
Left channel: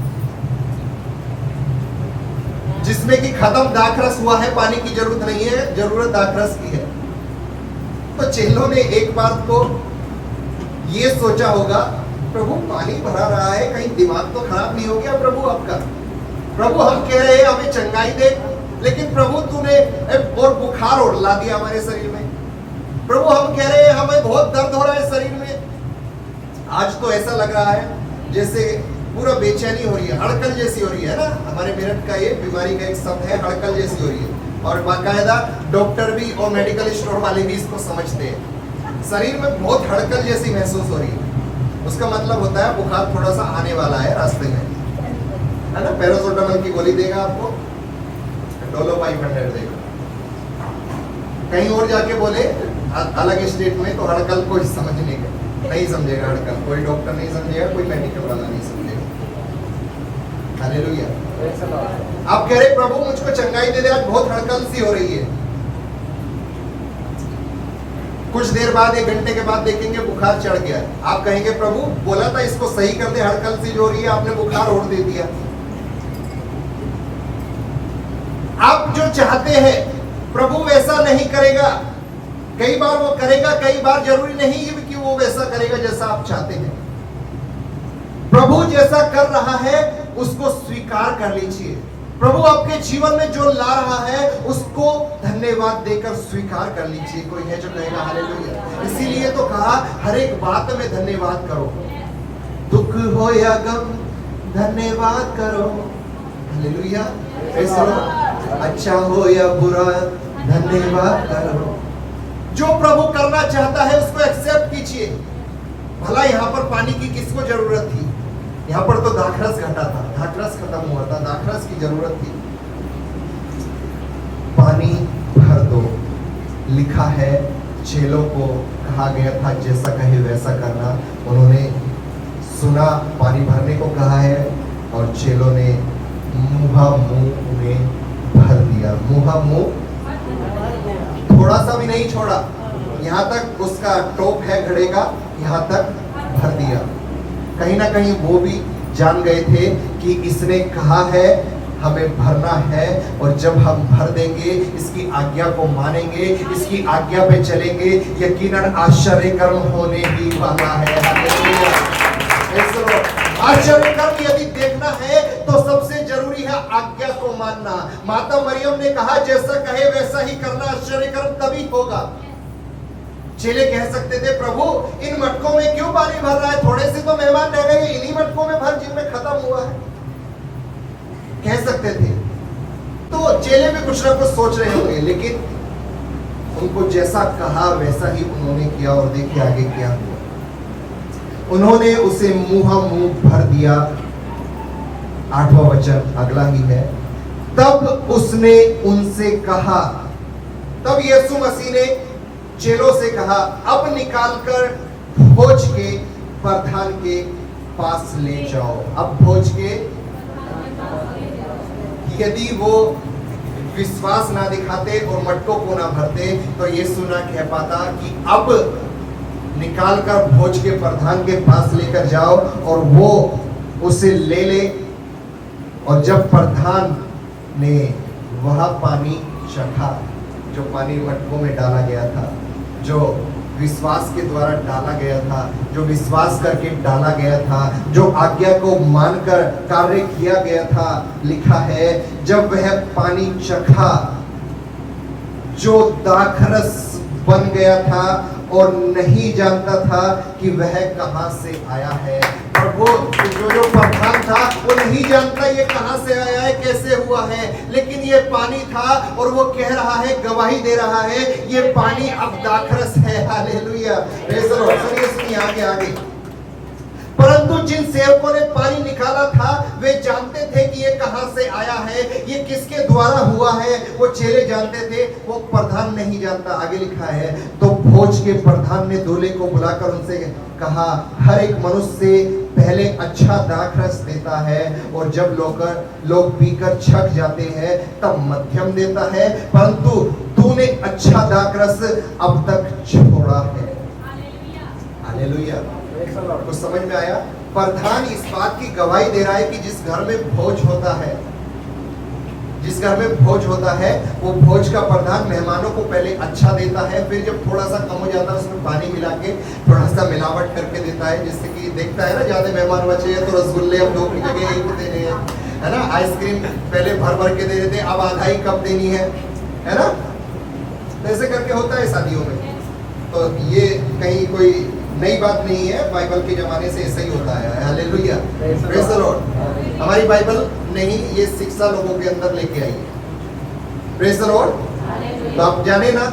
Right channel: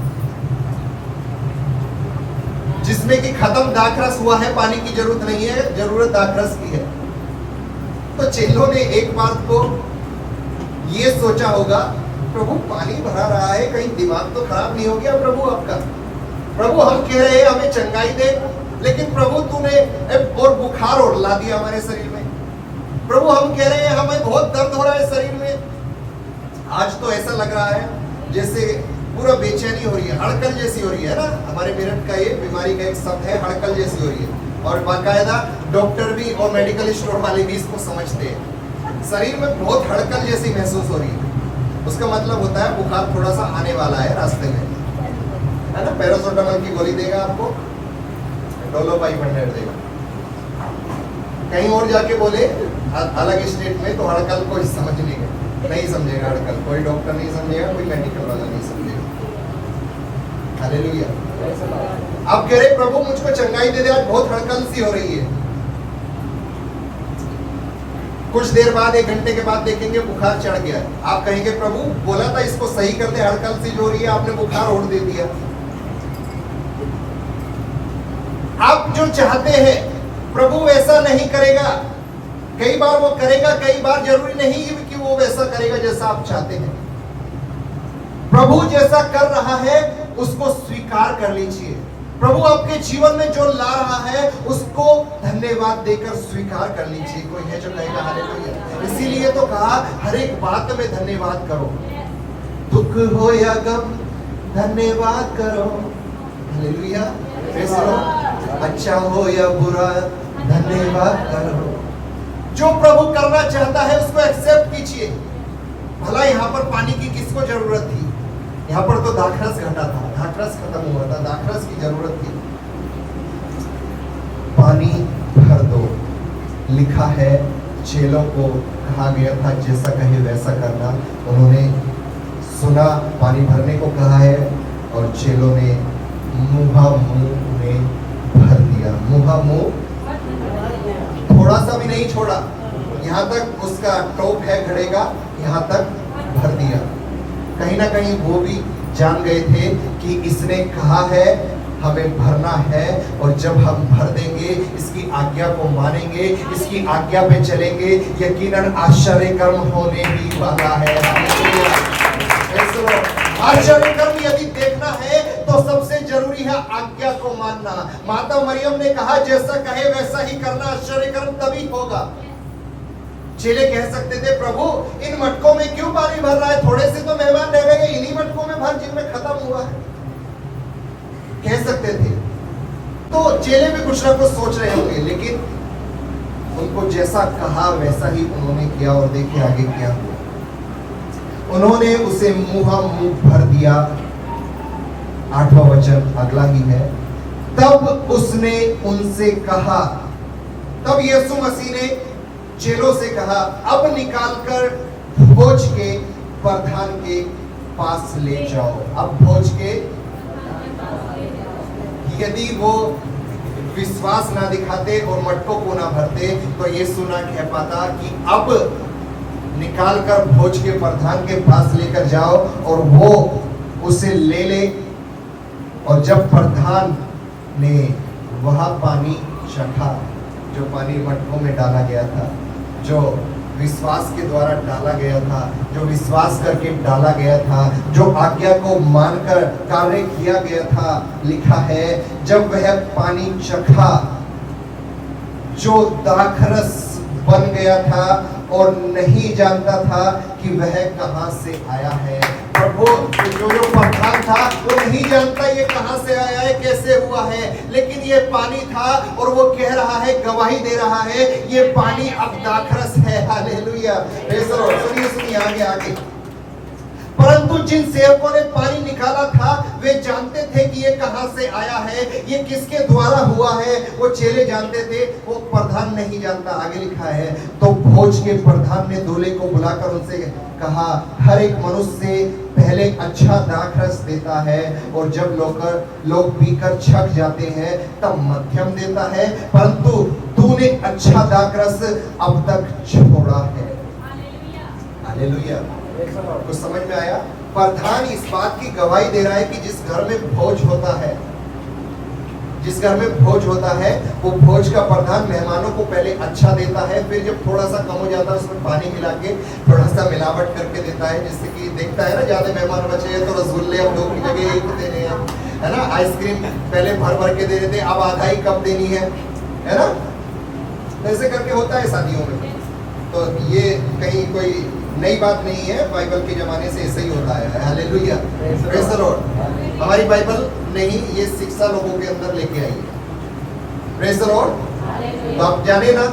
जिसमें कि खत्म दाखरस हुआ है, पानी की जरूरत नहीं है, जरूरत दाखरस की है। तो चेलों ने एक बात को ये सोचा होगा, प्रभु पानी भरा रहा है, कहीं दिमाग तो खराब नहीं हो गया प्रभु आपका? प्रभु हम कह रहे हैं हमें चंगाई दे, लेकिन प्रभु तूने और बुखार और ला दिया हमारे शरीर में। प्रभु हम कह रहे हैं हमें बहुत दर्द हो रहा है शरीर में। आज तो ऐसा लग रहा है जैसे पूरा बेचैनी हो रही है, हड़कल जैसी हो रही है ना। हमारे मेरठ का ये बीमारी का एक शब्द है, हड़कल जैसी हो रही है, और बाकायदा डॉक्टर भी और मेडिकल स्टोर वाले भी इसको समझते हैं। शरीर में बहुत हड़कल जैसी महसूस हो रही है, उसका मतलब होता है बुखार थोड़ा सा आने वाला है रास्ते में, है ना। पैरासिटामोल की गोली देगा आपको, डोलो 500 देगा। कहीं और जाके बोले अलग स्टेट में तो हड़कल कोई समझने का नहीं समझेगा, हड़कल कोई डॉक्टर नहीं समझेगा, कोई मेडिकल वाला नहीं समझेगा। हालेलुया। आप कह रहे प्रभु मुझको चंगाई दे दे, आज बहुत हड़कल सी हो रही है। कुछ देर बाद, 1 घंटे के बाद देखेंगे बुखार चढ़ गया है। आप कहेंगे प्रभु बोला था इसको सही कर दे, हड़कल सी जो हो रही है आपने बुखार और दे दिया। आप जो चाहते हैं प्रभु वैसा नहीं करेगा। कई बार वो करेगा, कई बार जरूरी नहीं कि वो वैसा करेगा जैसा आप चाहते हैं। प्रभु जैसा कर रहा है उसको स्वीकार कर लीजिए। प्रभु आपके जीवन में जो ला रहा है उसको धन्यवाद देकर स्वीकार कर लीजिए। कोई है जो कहेगा हालेलुया। इसीलिए तो कहा हर एक बात में धन्यवाद करो, दुख हो या गम धन्यवाद करो। हालेलुया। अच्छा हो या बुरा धन्यवाद करो। जो प्रभु करना चाहता है उसको एक्सेप्ट कीजिए। भला यहाँ पर पानी की किसको जरूरत थी? यहाँ पर तो दाखरस घटा था, दाखरस खत्म हुआ था, दाखरस की जरूरत थी। पानी भर दो। लिखा है चेलों को कहा गया था जैसा कहे वैसा करना। उन्होंने सुना, पानी भरने को कहा है और चेलों ने मुहा मुंह में भर दिया। मुहा मुंह, थोड़ा सा भी नहीं छोड़ा। यहाँ तक उसका टोप है घड़े का, यहाँ तक भर दिया। कहीं ना कहीं वो भी जान गए थे कि इसने कहा है हमें भरना है, और जब हम भर देंगे, इसकी आज्ञा को मानेंगे, इसकी आज्ञा पे चलेंगे, यकीनन आश्चर्य कर्म होने ही वाला है। आश्चर्य कर्म यदि देखना है तो सबसे जरूरी है आज्ञा को मानना। माता मरियम ने कहा जैसा कहे वैसा ही करना, आश्चर्य कर्म तभी होगा। चेले कह सकते थे प्रभु इन मटकों में क्यों पानी भर रहा है, थोड़े से तो मेहमान रह गए, इन्हीं मटकों में भर जिनमें खत्म हुआ है, कह सकते थे। तो चेले भी कुछ ना कुछ सोच रहे होंगे, लेकिन उनको जैसा कहा वैसा ही उन्होंने किया। और देखिए आगे क्या हुआ। उन्होंने उसे मुहा मुंह भर दिया। 8वां वचन अगला ही है। तब उसने उनसे कहा, तब यीशु मसीह ने चेलों से कहा अब निकालकर भोज के प्रधान के पास ले जाओ। अब भोज के, यदि वो विश्वास ना दिखाते और मटकों को ना भरते तो यीशु ना कह पाता कि अब निकालकर भोज के प्रधान के पास लेकर जाओ और वो उसे ले ले। और जब प्रधान ने वह पानी चखा, जो पानी मटकों में डाला गया था, जो विश्वास के द्वारा डाला गया था, जो विश्वास करके डाला गया था, जो आज्ञा को मानकर कार्य किया गया था, लिखा है जब वह पानी चखा जो दाखरस बन गया था और नहीं जानता था कि वह कहां से आया है। प्रभु जो प्रधान था वो नहीं जानता ये कहां से आया है, कैसे हुआ है, लेकिन ये पानी था और वो कह रहा है, गवाही दे रहा है ये पानी अब दाखरस है। हालेलुया। सुनिए आगे आगे। परंतु जिन सेवकों ने पानी निकाला था वे जानते थे कि ये कहां से आया है, ये किसके द्वारा हुआ है। वो चेले जानते थे, वो प्रधान नहीं जानता। आगे लिखा है तो भोज के प्रधान ने दूल्हे को बुलाकर उनसे कहा हर एक मनुष्य पहले अच्छा दाखरस देता है और जब लोग पीकर छक जाते हैं तब मध्यम देता है, परंतु तूने अच्छा दाखरस अब तक छोड़ा है। हालेलुया। कुछ समझ में आया? प्रधान इस बात की गवाही दे रहा है कि जिस घर में भोज होता है, जिस घर में भोज होता है, वो भोज का प्रधान मेहमानों को पहले अच्छा देता है, फिर जब थोड़ा सा कम हो जाता है उसमें पानी मिला के थोड़ा सा मिलावट करके देता है। जैसे कि देखता है ना, ज्यादा मेहमान बचे हैं तो रसगुल्ले अब 2 की जगह 1 दे रहे हैं, है ना। आइसक्रीम पहले भर भर के दे रहे थे, अब आधा ही कप देनी है ना। ऐसे करके होता है शादियों में। तो ये कहीं कोई नई बात नहीं है, बाइबल के जमाने से ऐसे ही होता है। हालेलुया। Praise the Lord. हमारी बाइबल नहीं ये शिक्षा लोगों के अंदर लेके आई है। Praise the Lord. तो आप जाने ना,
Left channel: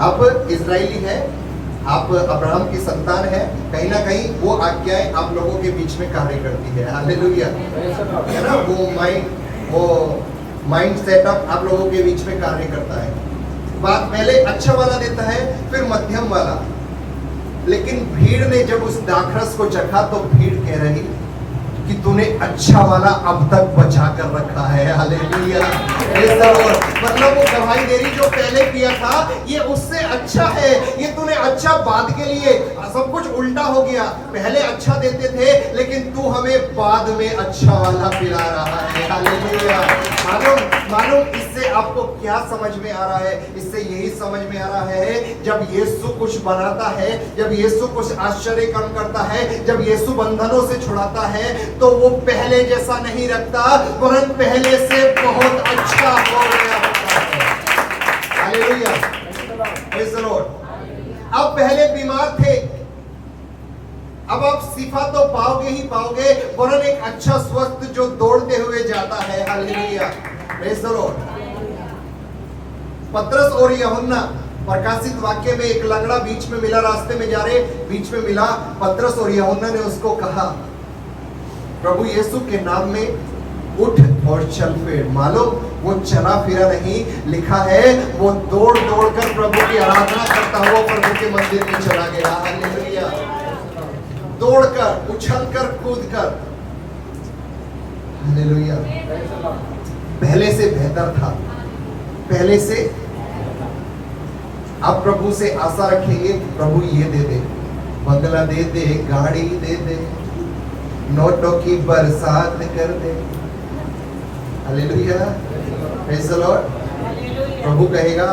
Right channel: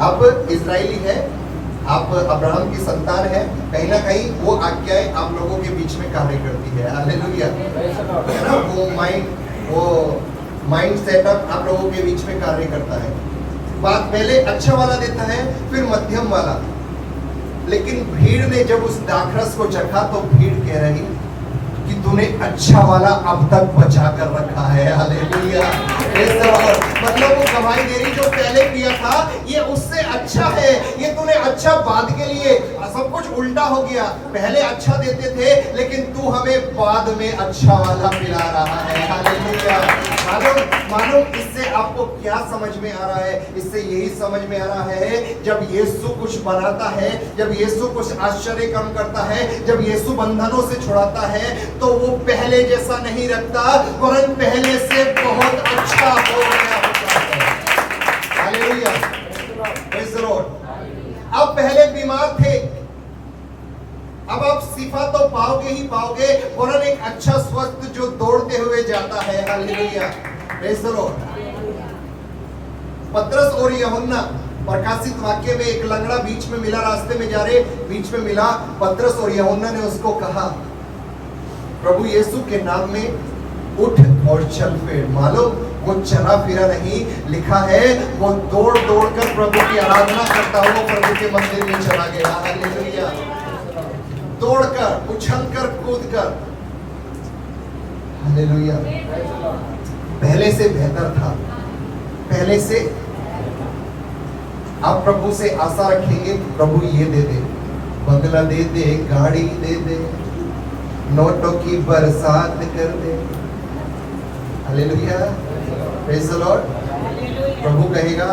आप इजराइली है, आप अब्राहम की संतान है, कहीं ना कहीं वो आज्ञाएं आप लोगों के बीच में कार्य करती है। हालेलुया। है ना, वो माइंड सेटअप आप लोगों के बीच में कार्य करता है। बात पहले अच्छा वाला देता है, फिर मध्यम वाला। लेकिन भीड़ ने जब उस दाखरस को चखा तो भीड़ कह रही कि तूने अच्छा वाला अब तक बचा कर रखा है। हालेलुया। मतलब वो गवाही दे रही जो पहले किया था ये उससे अच्छा है, ये तूने अच्छा बाद के लिए, सब कुछ उल्टा हो गया। पहले अच्छा देते थे लेकिन तू हमें बाद में अच्छा वाला पिला रहा है। हालेलुया। मालूम इससे आपको क्या समझ में आ रहा है? इससे यही समझ में आ रहा है, जब यीशु कुछ बनाता है, जब यीशु कुछ आश्चर्य काम करता है, जब यीशु बंधनों से छुड़ाता है, तो वो पहले जैसा नहीं रखता, वरन पहले से बहुत अच्छा हो गया होता है। Hallelujah, praise the Lord. आप पहले बीमार थे, अब आप शिफा तो पाओगे ही पाओगे, वरन एक अच्छा स्वस्थ जो दौड़ते हुए जाता है। Hallelujah, praise the Lord. पतरस और यूहन्ना प्रकाशित वाक्य में एक लंगड़ा बीच में मिला, रास्ते में जा रहे, बीच में मिला। पतरस और यूहन्ना ने उसको कहा, प्रभु यीशु के नाम में उठ और चल फिर। मालूम वो चला फिरा नहीं, लिखा है वो दौड़ दौड़ कर प्रभु की आराधना करता हुआ प्रभु के मंदिर में चला गया। हालेलुया, दौड़कर, उछलकर, कूदकर। हालेलुया, पहले से बेहतर था, पहले से। आप प्रभु से आशा रखेंगे, प्रभु ये दे दे, बंगला दे दे, गाड़ी दे दे, नोटों की बरसात कर दे। Hallelujah, praise the lord. प्रभु कहेगा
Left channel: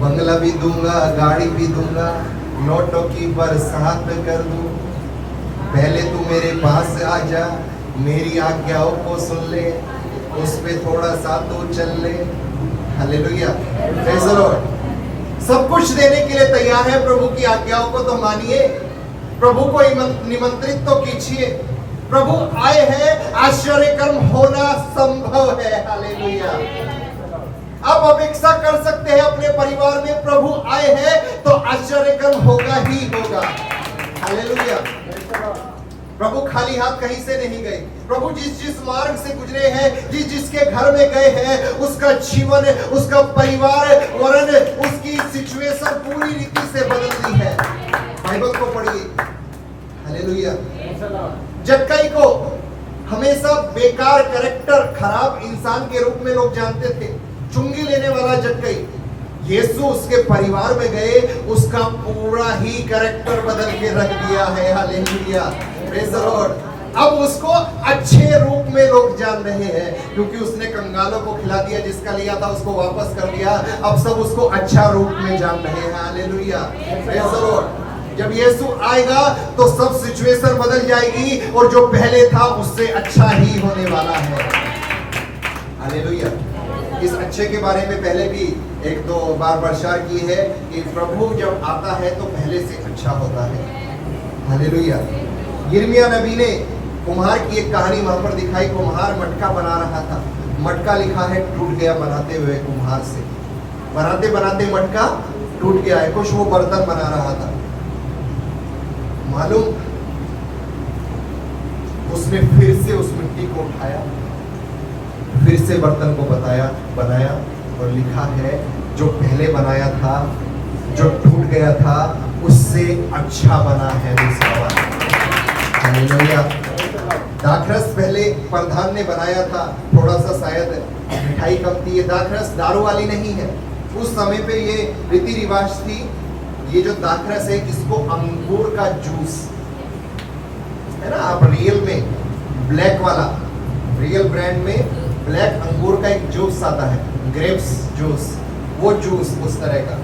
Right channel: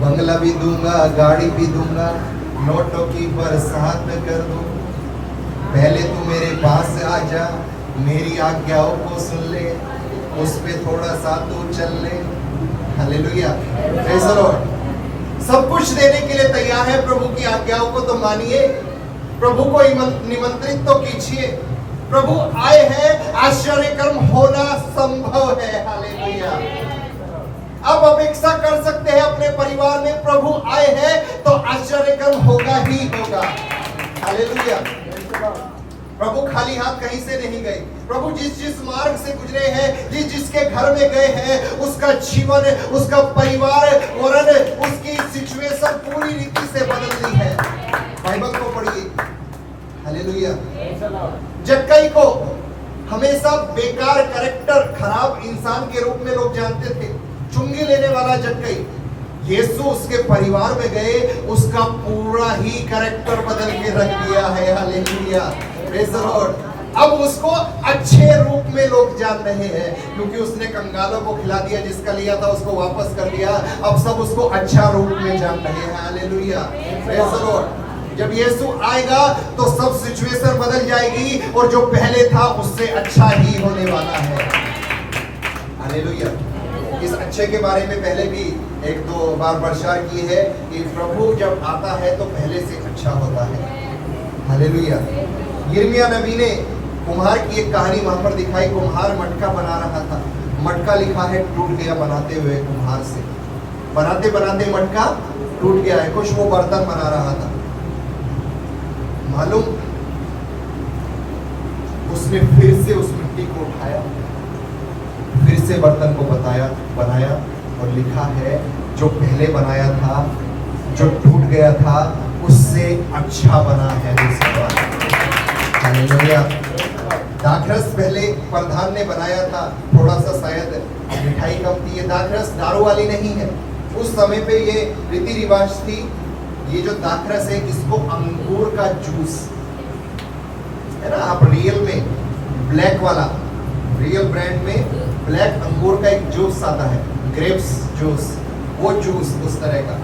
बंगला भी दूंगा, गाड़ी भी दूंगा, नोटों की बरसात कर दूं। पहले तू मेरे पास आ जा, मेरी आज्ञाओं को सुन ले, उस पे थोड़ा सा तू चल ले। Hallelujah, praise the Lord. सब कुछ देने के लिए तैयार है, प्रभु की आज्ञाओं को तो मानिए, प्रभु को निमंत्रित तो कीजिए। प्रभु आए हैं, आश्चर्य कर्म होना संभव है। हालेलुया, आप अपेक्षा कर सकते हैं अपने परिवार में प्रभु आए हैं तो आश्चर्य कर्म होगा ही होगा। हालेलुया, प्रभु खाली हाथ कहीं से नहीं गए। प्रभु जिस मार्ग से गुजरे हैं, जिसके घर में गए हैं, उसका जीवन, उसका परिवार, वरन उसकी सिचुएशन पूरी रीति से बदल दी है। बाइबल को पढ़िए। हालेलुया। जक्कई को हमेशा बेकार, कैरेक्टर, खराब इंसान के रूप में लोग जानते थे, चुंगी लेने वाला जक्कई। यीशु उसके परिवार में गए, उसका पूरा ही कैरेक्टर बदल के रख दिया है। Hallelujah, praise the Lord. अब उसको अच्छे रूप में लोग जान रहे हैं, क्योंकि उसने कंगालों को खिला दिया, जिसका लिया था उसको वापस कर दिया। अब सब उसको अच्छा रूप में जान रहे हैं। Hallelujah, praise the Lord. जब यीशु आएगा तो सब सिचुएशन बदल जाएगी, और जो पहले था उससे अच्छा ही होने वाला है। हालेलुया। इस अच्छे के बारे में पहले भी एक दो बार प्रचार की है कि प्रभु जब आता है तो पहले से अच्छा होता है। हालेलुया। यिर्मयाह नबी ने कुम्हार की एक कहानी वहां पर दिखाई। कुम्हार मटका बना रहा था, मटका लिखा है टूट गया बनाते हुए कुम्हार से, बनाते बनाते मटका टूट गया है। कुछ वो बर्तन बना रहा था। मालूम उसने फिर से उस मिट्टी को उठाया, फिर से बर्तन को बनाया और लिखा है जो पहले बनाया था, जो टूट गया था, उससे अच्छा बना है दूसरा वाला। हालेलुया। दाखरस पहले प्रधान ने बनाया था, थोड़ा सा शायद मिठाई कम थी। ये दाखरस दारू वाली नहीं है। उस समय पे ये रीति रिवाज थी। ये जो दाखरस है, इसको अंगूर का जूस है ना, आप रियल में ब्लैक वाला, रियल ब्रांड में ब्लैक अंगूर का एक जूस आता है, ग्रेप्स जूस, वो जूस उस तरह का।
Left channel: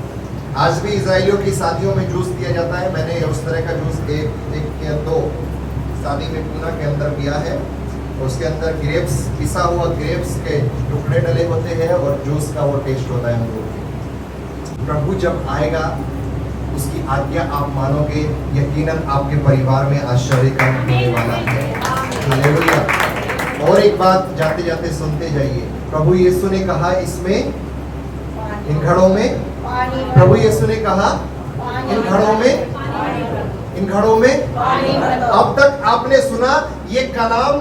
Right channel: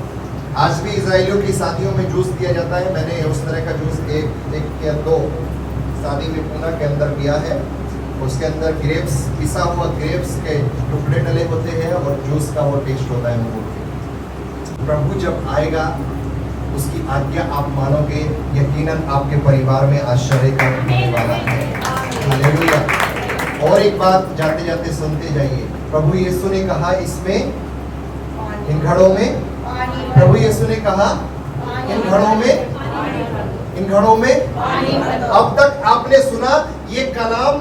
आज भी इजराइलियों की शादियों में जूस दिया जाता है। मैंने उस तरह का जूस एक या दो शादी में पूना के अंदर पिया है। उसके अंदर ग्रेप्स, पिसा हुआ ग्रेप्स के टुकड़े डले होते हैं और जूस का वो टेस्ट होता है अंगूर के। प्रभु जब आएगा उसकी आज्ञा आप मानोगे, यकीनन आपके परिवार में आश्चर्य काम होने वाला है। हालेलुया। और एक बात जाते जाते सुनते जाइए। प्रभु यीशु ने कहा इसमें, इन घड़ों में, प्रभु यीशु ने कहा इन घड़ों में अब तक आपने सुना ये कलाम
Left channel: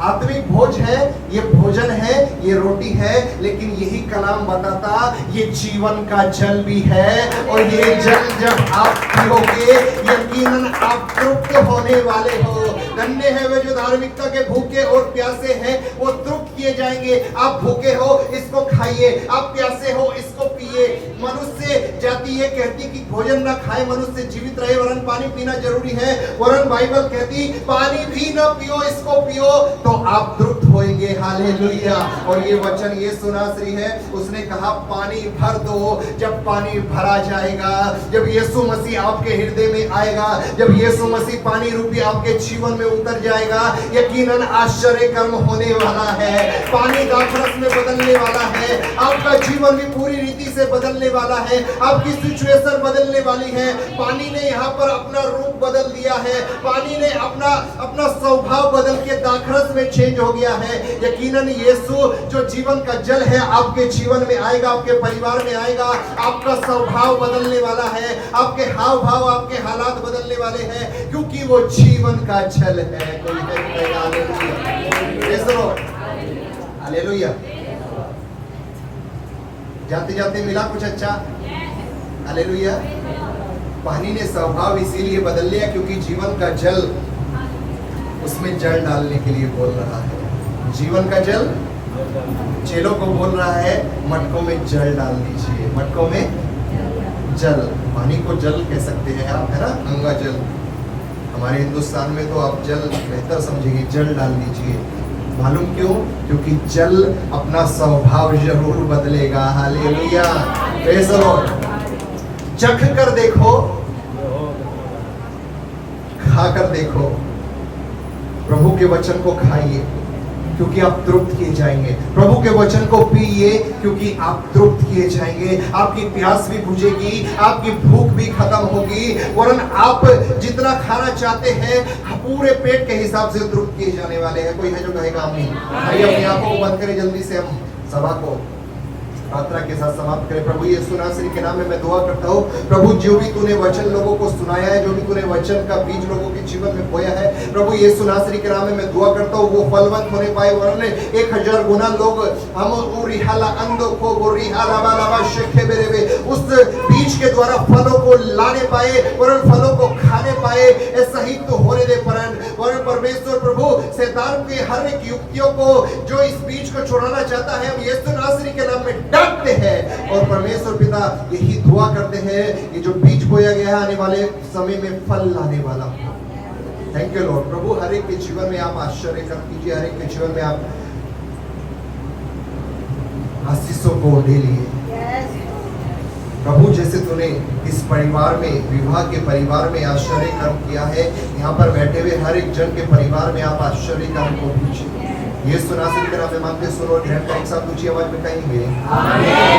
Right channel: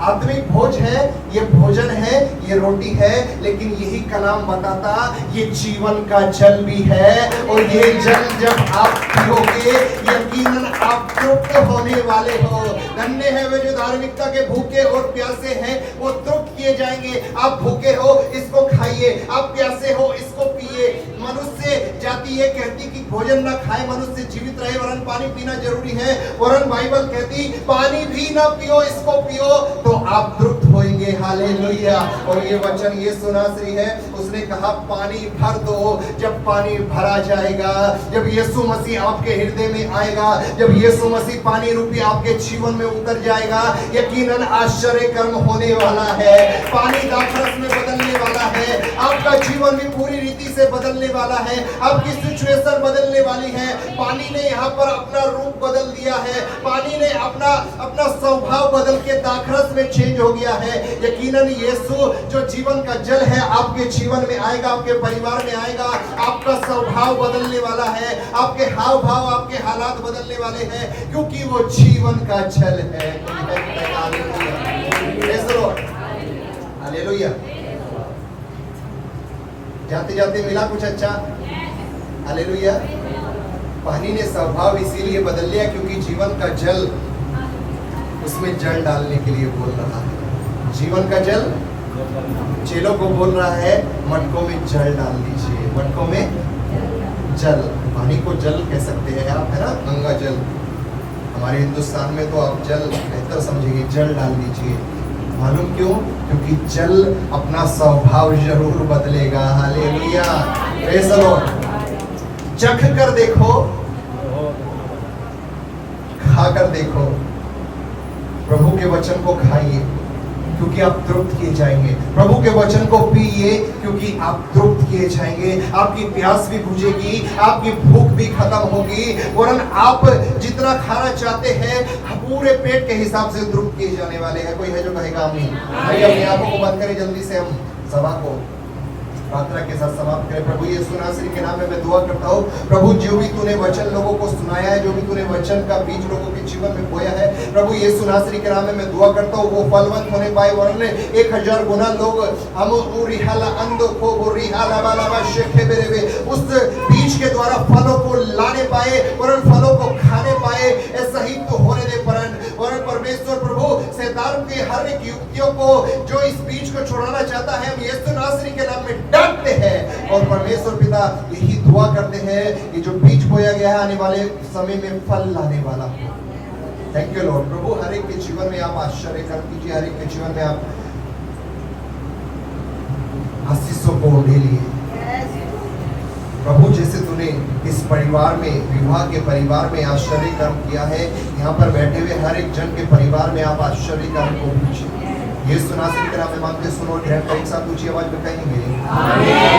आत्मिक भोज है, ये भोजन है, ये रोटी है, लेकिन यही कलाम बताता ये जीवन का जल भी है। और ये जल जब आप पियोगे, यकीनन आप तृप्त होने वाले हो। धन्य है वे जो धार्मिकता के भूखे और प्यासे हैं, वो तृप्त किए जाएंगे। आप भूखे हो, इसको खाइए, आप प्यासे हो, इसको पिए। मनुष्य जाति ये कहती कि भोजन ना खाए मनुष्य जीवित रहे, वरन पानी पीना जरूरी है। वरन बाइबल कहती पानी भी ना पियो, इसको पियो तो आप तृप्त होंगे। देंगे। हालेलुया। और ये वचन यीशु नासरी है, उसने कहा पानी भर दो। जब पानी भरा जाएगा, जब यीशु मसीह आपके हृदय में आएगा, जब यीशु मसीह पानी रूपी आपके जीवन में उतर जाएगा, यकीनन आश्चर्य कर्म होने वाला है। पानी दाखरस में बदलने वाला है, आपका जीवन भी पूरी रीति से बदलने वाला है, आपकी सिचुएशन बदलने वाली है। पानी ने यहाँ पर अपना रूप बदल दिया है, पानी ने अपना स्वभाव बदल के दाखरस में चेंज हो गया है। यकीनन यीशु जो जीवन का जल है आपके जीवन में आएगा, आपके परिवार में आएगा, आपका स्वभाव बदलने वाला है, आपके हाव भाव, आपके हालात बदलने वाले हैं, क्योंकि वो जीवन का जल है। हालेलुया। जाते जाते मिला कुछ अच्छा। हालेलुया। पानी ने स्वभाव इसीलिए बदल लिया क्योंकि जीवन का जल उसमें जल डालने के लिए बोल रहा है। जीवन का जल चेलों को बोल रहा है, मटकों में जल डाल दीजिए। मटकों में जल, पानी को जल कह सकते हैं आप, है ना, गंगा जल। हमारे हिंदुस्तान में तो आप जल बेहतर समझेंगे, जल डाल दीजिए। मालूम क्यों? क्योंकि जल अपना स्वभाव जरूर बदलेगा। हालेलुया। Praise the Lord. चख कर देखो, खा कर देखो, प्रभु के वचन को खाइए क्योंकि आप तृप्त किए जाएंगे। प्रभु के वचन को पिए क्योंकि आप तृप्त किए जाएंगे। आपकी प्यास भी बुझेगी, आपकी भूख भी खत्म होगी, वरन आप जितना खाना चाहते हैं पूरे पेट के हिसाब से तृप्त किए जाने वाले हैं। कोई है जो कहेगा आमीन? भाई अपनी आंखों को बंद करें, जल्दी से हम सभा को प्रार्थना के साथ समाप्त करें। प्रभु यीशु नासरी के नाम में मैं दुआ करता हूँ, प्रभु जो भी तूने वचन लोगों को सुनाया है, जो भी तूने वचन का बीज लोगों के जीवन में बोया है, प्रभु यीशु नासरी के नाम में मैं दुआ करता हूँ वो फलवंत होने पाए, वरन 1000 गुना लोग हम उस बीज के द्वारा फलों को लाने पाए, वरन फलों को खाने पाए। ऐसा ही तो होने दे वरन परमेश्वर प्रभु शैतान की हर एक युक्तियों को जो इस बीज को छुड़ाना चाहता है, हम यीशु नासरी के नाम में डांटते हैं। और परमेश्वर पिता यही दुआ करते हैं कि जो बीज बोया गया है आने वाले समय में फल लाने वाला। Thank you lord. प्रभु हर एक के जीवन में आप आश्चर्य कर कीजिए, हर एक के जीवन में आप आशीषों को दे लिए प्रभु। जैसे तूने इस परिवार में, विवाह के परिवार में आश्चर्य कर्म किया है, यहाँ पर बैठे हुए हर एक जन के परिवार में आप आश्चर्य कर्म को कीजिए। यीशु नासरी के नाम में मांगते सुनो, ढेर एक साथ ऊंची आवाज में कहेंगे आमीन।